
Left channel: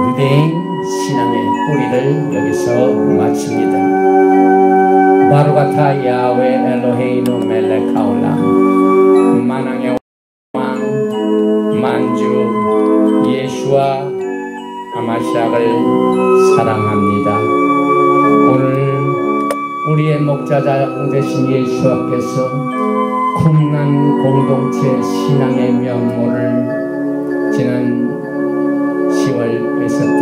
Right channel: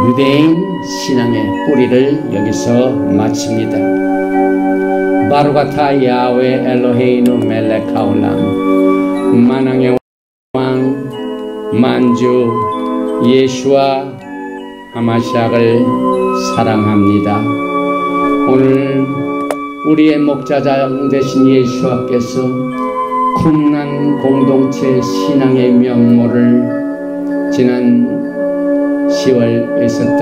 유대인 신앙의 뿌리를 여기서 마칩니다. 바루가타 야훼 엘로헤이누 멜렉 하올람 만왕의 왕 만주 예수와 하마시아를 사랑합니다. 오늘 우리의 목자장 되신 예수께서 쿰난 공동체 신앙의 명모를 지난 10월 있었던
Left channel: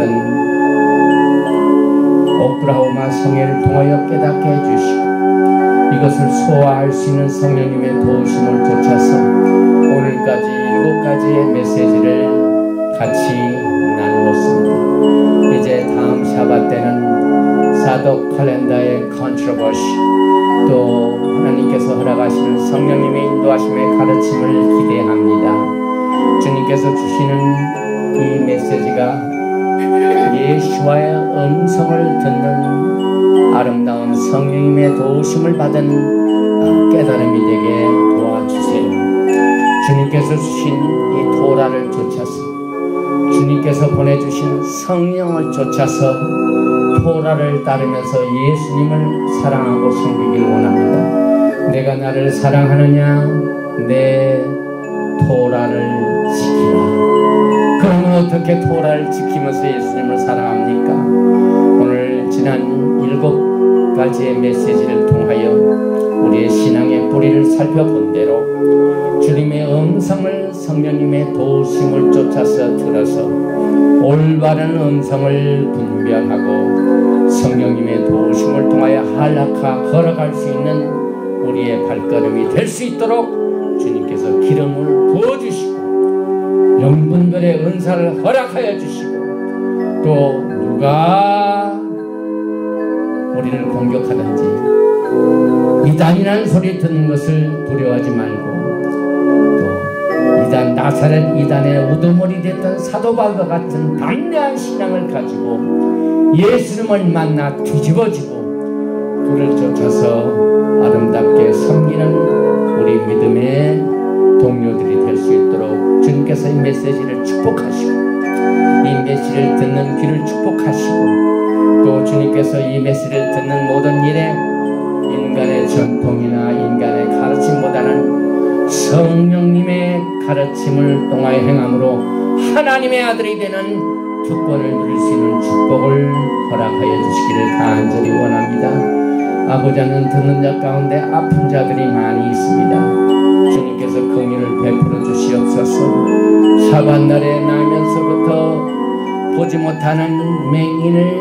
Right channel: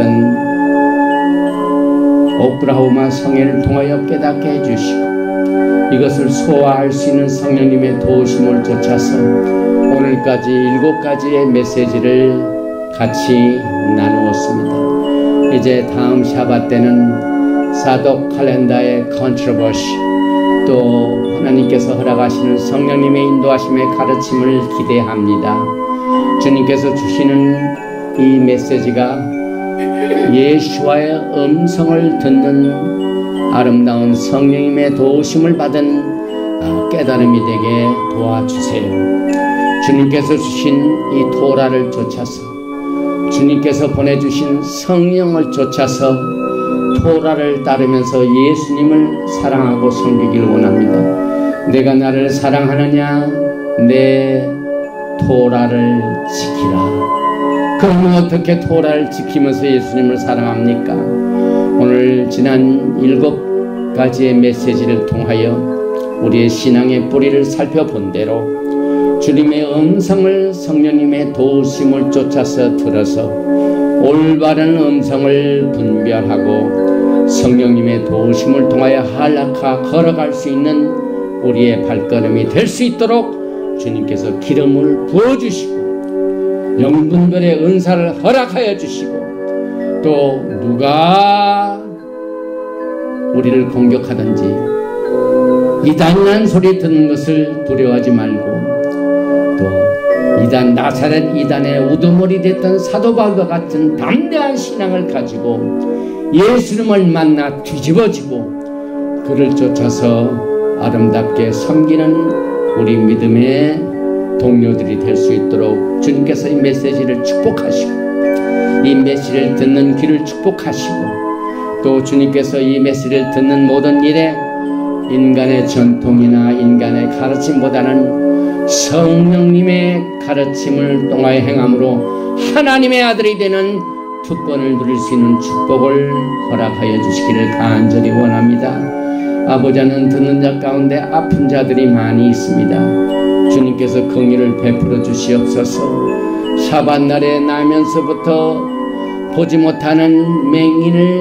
오클라호마 성회를 통하여 깨닫게 해주시고 이것을 소화할 수 있는 성령님의 도우심을 쫓아서 오늘까지 7가지의 메시지를 같이 나누었습니다. 이제 다음 샤밧 때는 사독 칼렌다의 컨트로버시 또 하나님께서 허락하시는 성령님의 인도하심의 가르침을 기대합니다. 주님께서 주시는 이 메시지가 예수와의 음성을 듣는 아름다운 성령님의 도우심을 받은 깨달음이 되게 도와주세요. 주님께서 주신 이 토라를 쫓아서 주님께서 보내주신 성령을 쫓아서 토라를 따르면서 예수님을 사랑하고 섬기길 원합니다. 내가 나를 사랑하느냐? 내 토라를 지키라. 그러면 어떻게 토라를 지키면서 예수님을 사랑합니까? 오늘 지난 7가지의 메시지를 통하여 우리의 신앙의 뿌리를 살펴본 대로 주님의 음성을 성령님의 도우심을 쫓아서 들어서 올바른 음성을 분별하고 성령님의 도우심을 통하여 걸어갈 수 있는 우리의 발걸음이 될 수 있도록 주님께서 기름을 부어주시고 영분별의 은사를 허락하여 주시고 또 누가 우리를 공격하든지 이단이라는 소리 듣는 것을 두려워하지 말고 또 이단 나사렛 이단의 우두머리 됐던 사도 바울과 같은 담대한 신앙을 가지고 예수님을 만나 뒤집어지고 그를 쫓아서 아름답게 섬기는 우리 믿음의 동료들이 될 수 있도록 주님께서 이 메시지를 축복하시고 이 메시지를 듣는 귀를 축복하시고 또 주님께서 이 메시지를 듣는 모든 일에 인간의 전통이나 인간의 가르침보다는 성령님의 가르침을 통하여 행함으로 하나님의 아들이 되는 특권을 누릴 수 있는 축복을 허락하여 주시기를 간절히 원합니다. 아버지는 듣는 자 가운데 아픈 자들이 많이 있습니다. 주님께서 긍휼을 베풀어 주시고 주시옵소서. 사반날에 나면서부터 보지 못하는 맹인을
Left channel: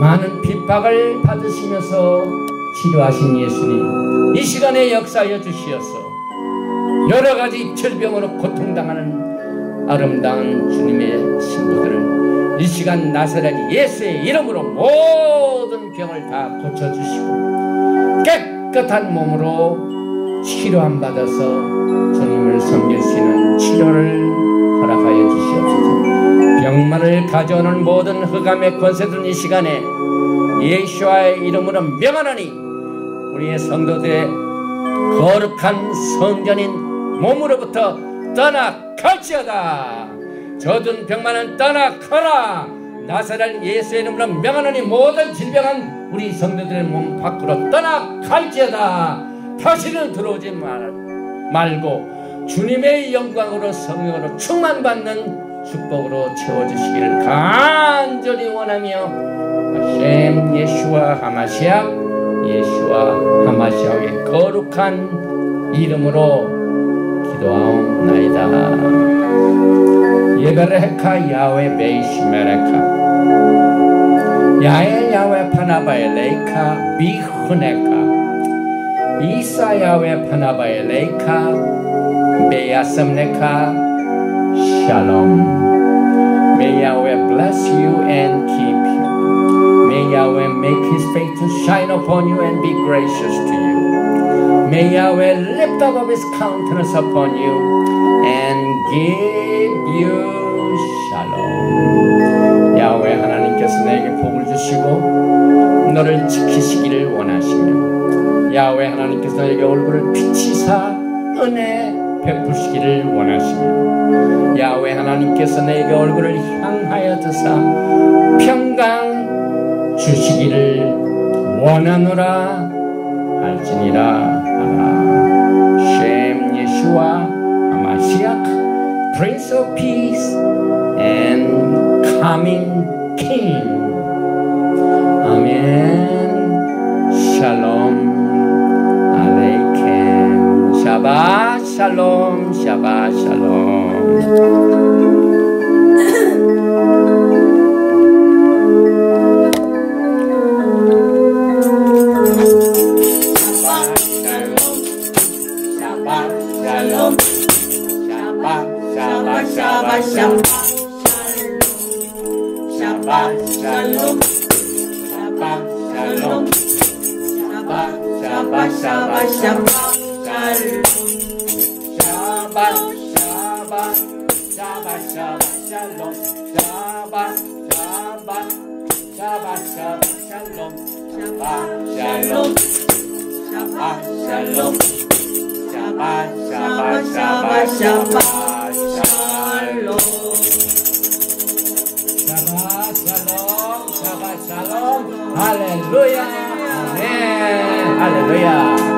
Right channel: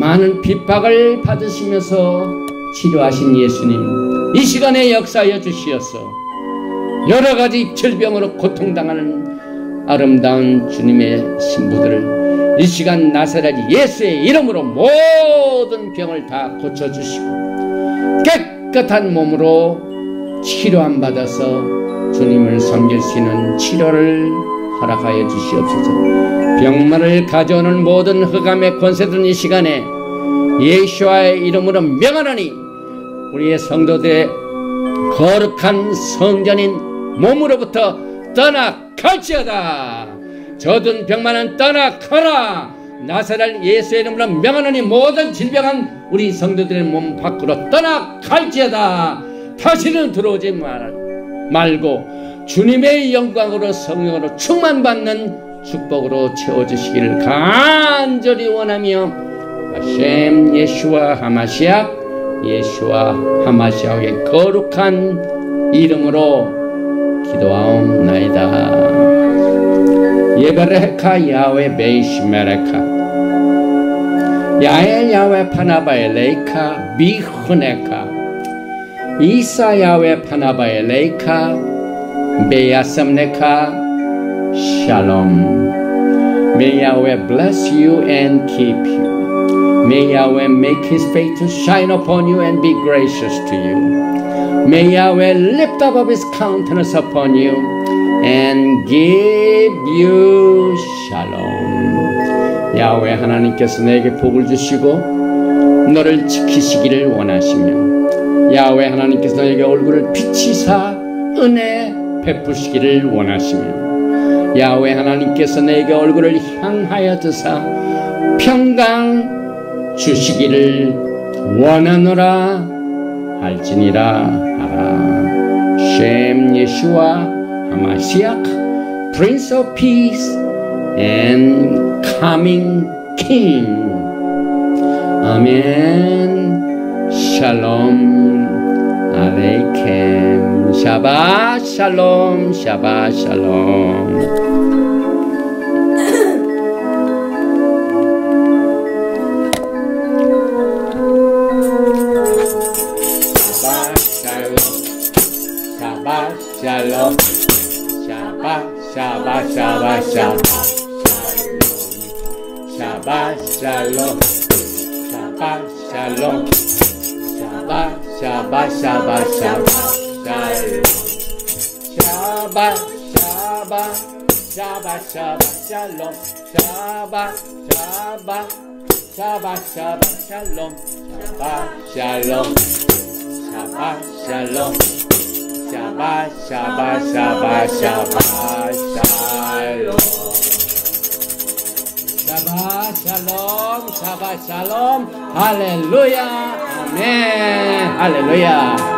많은 핍박을 받으시면서 치료하신 예수님, 이 시간에 역사하여 주시옵소서. 여러 가지 질병으로 고통당하는 아름다운 주님의 신부들을 이 시간 나사렛 예수의 이름으로 모든 병을 다 고쳐주시고 깨끗한 몸으로 치료함 받아서 주님을 섬길 수 있는 치료를 허락하여 주시옵소서. 병만을 가져오는 모든 흑암의 권세들은 이 시간에 예수와의 이름으로 명하노니 우리의 성도들의 거룩한 성전인 몸으로부터 떠나갈지어다. 저든 병만은 떠나가라. 나사렛 예수의 이름으로 명하노니 모든 질병은 우리 성도들의 몸 밖으로 떠나갈지어다. 다시는 들어오지 말고 주님의 영광으로 성령으로 충만받는 축복으로 채워주시기를 간절히 원하며 하셈 예수와 하마시아, 예수와 하마시아의 거룩한 이름으로 기도하옵나이다. 예베레카 야외 베이시메레카 야에 야외 파나바엘레이카 비흐네카 이사 야외 파나바엘레이카 베야섬네카 샬롬. May Yahweh bless you and keep you. May Yahweh make His face to shine upon you and be gracious to you. May Yahweh lift up His countenance upon you and give you shalom. 야훼 하나님께서 내게 복을 주시고 너를 지키시기를 원하시며 야훼 하나님께서 내게 얼굴을 비치사 은혜 베푸시기를 원하시며 야훼 하나님께서 내게 얼굴을 향하여 드사 평강 주시기를 원하노라 할지니라. 셈 예수와 하마시아 Prince of Peace and Coming King. 아멘. 샬롬 알레이켐. 샤바 샬롬. 샤바 샬롬. Shalom. Hallelujah. Amen. Hallelujah.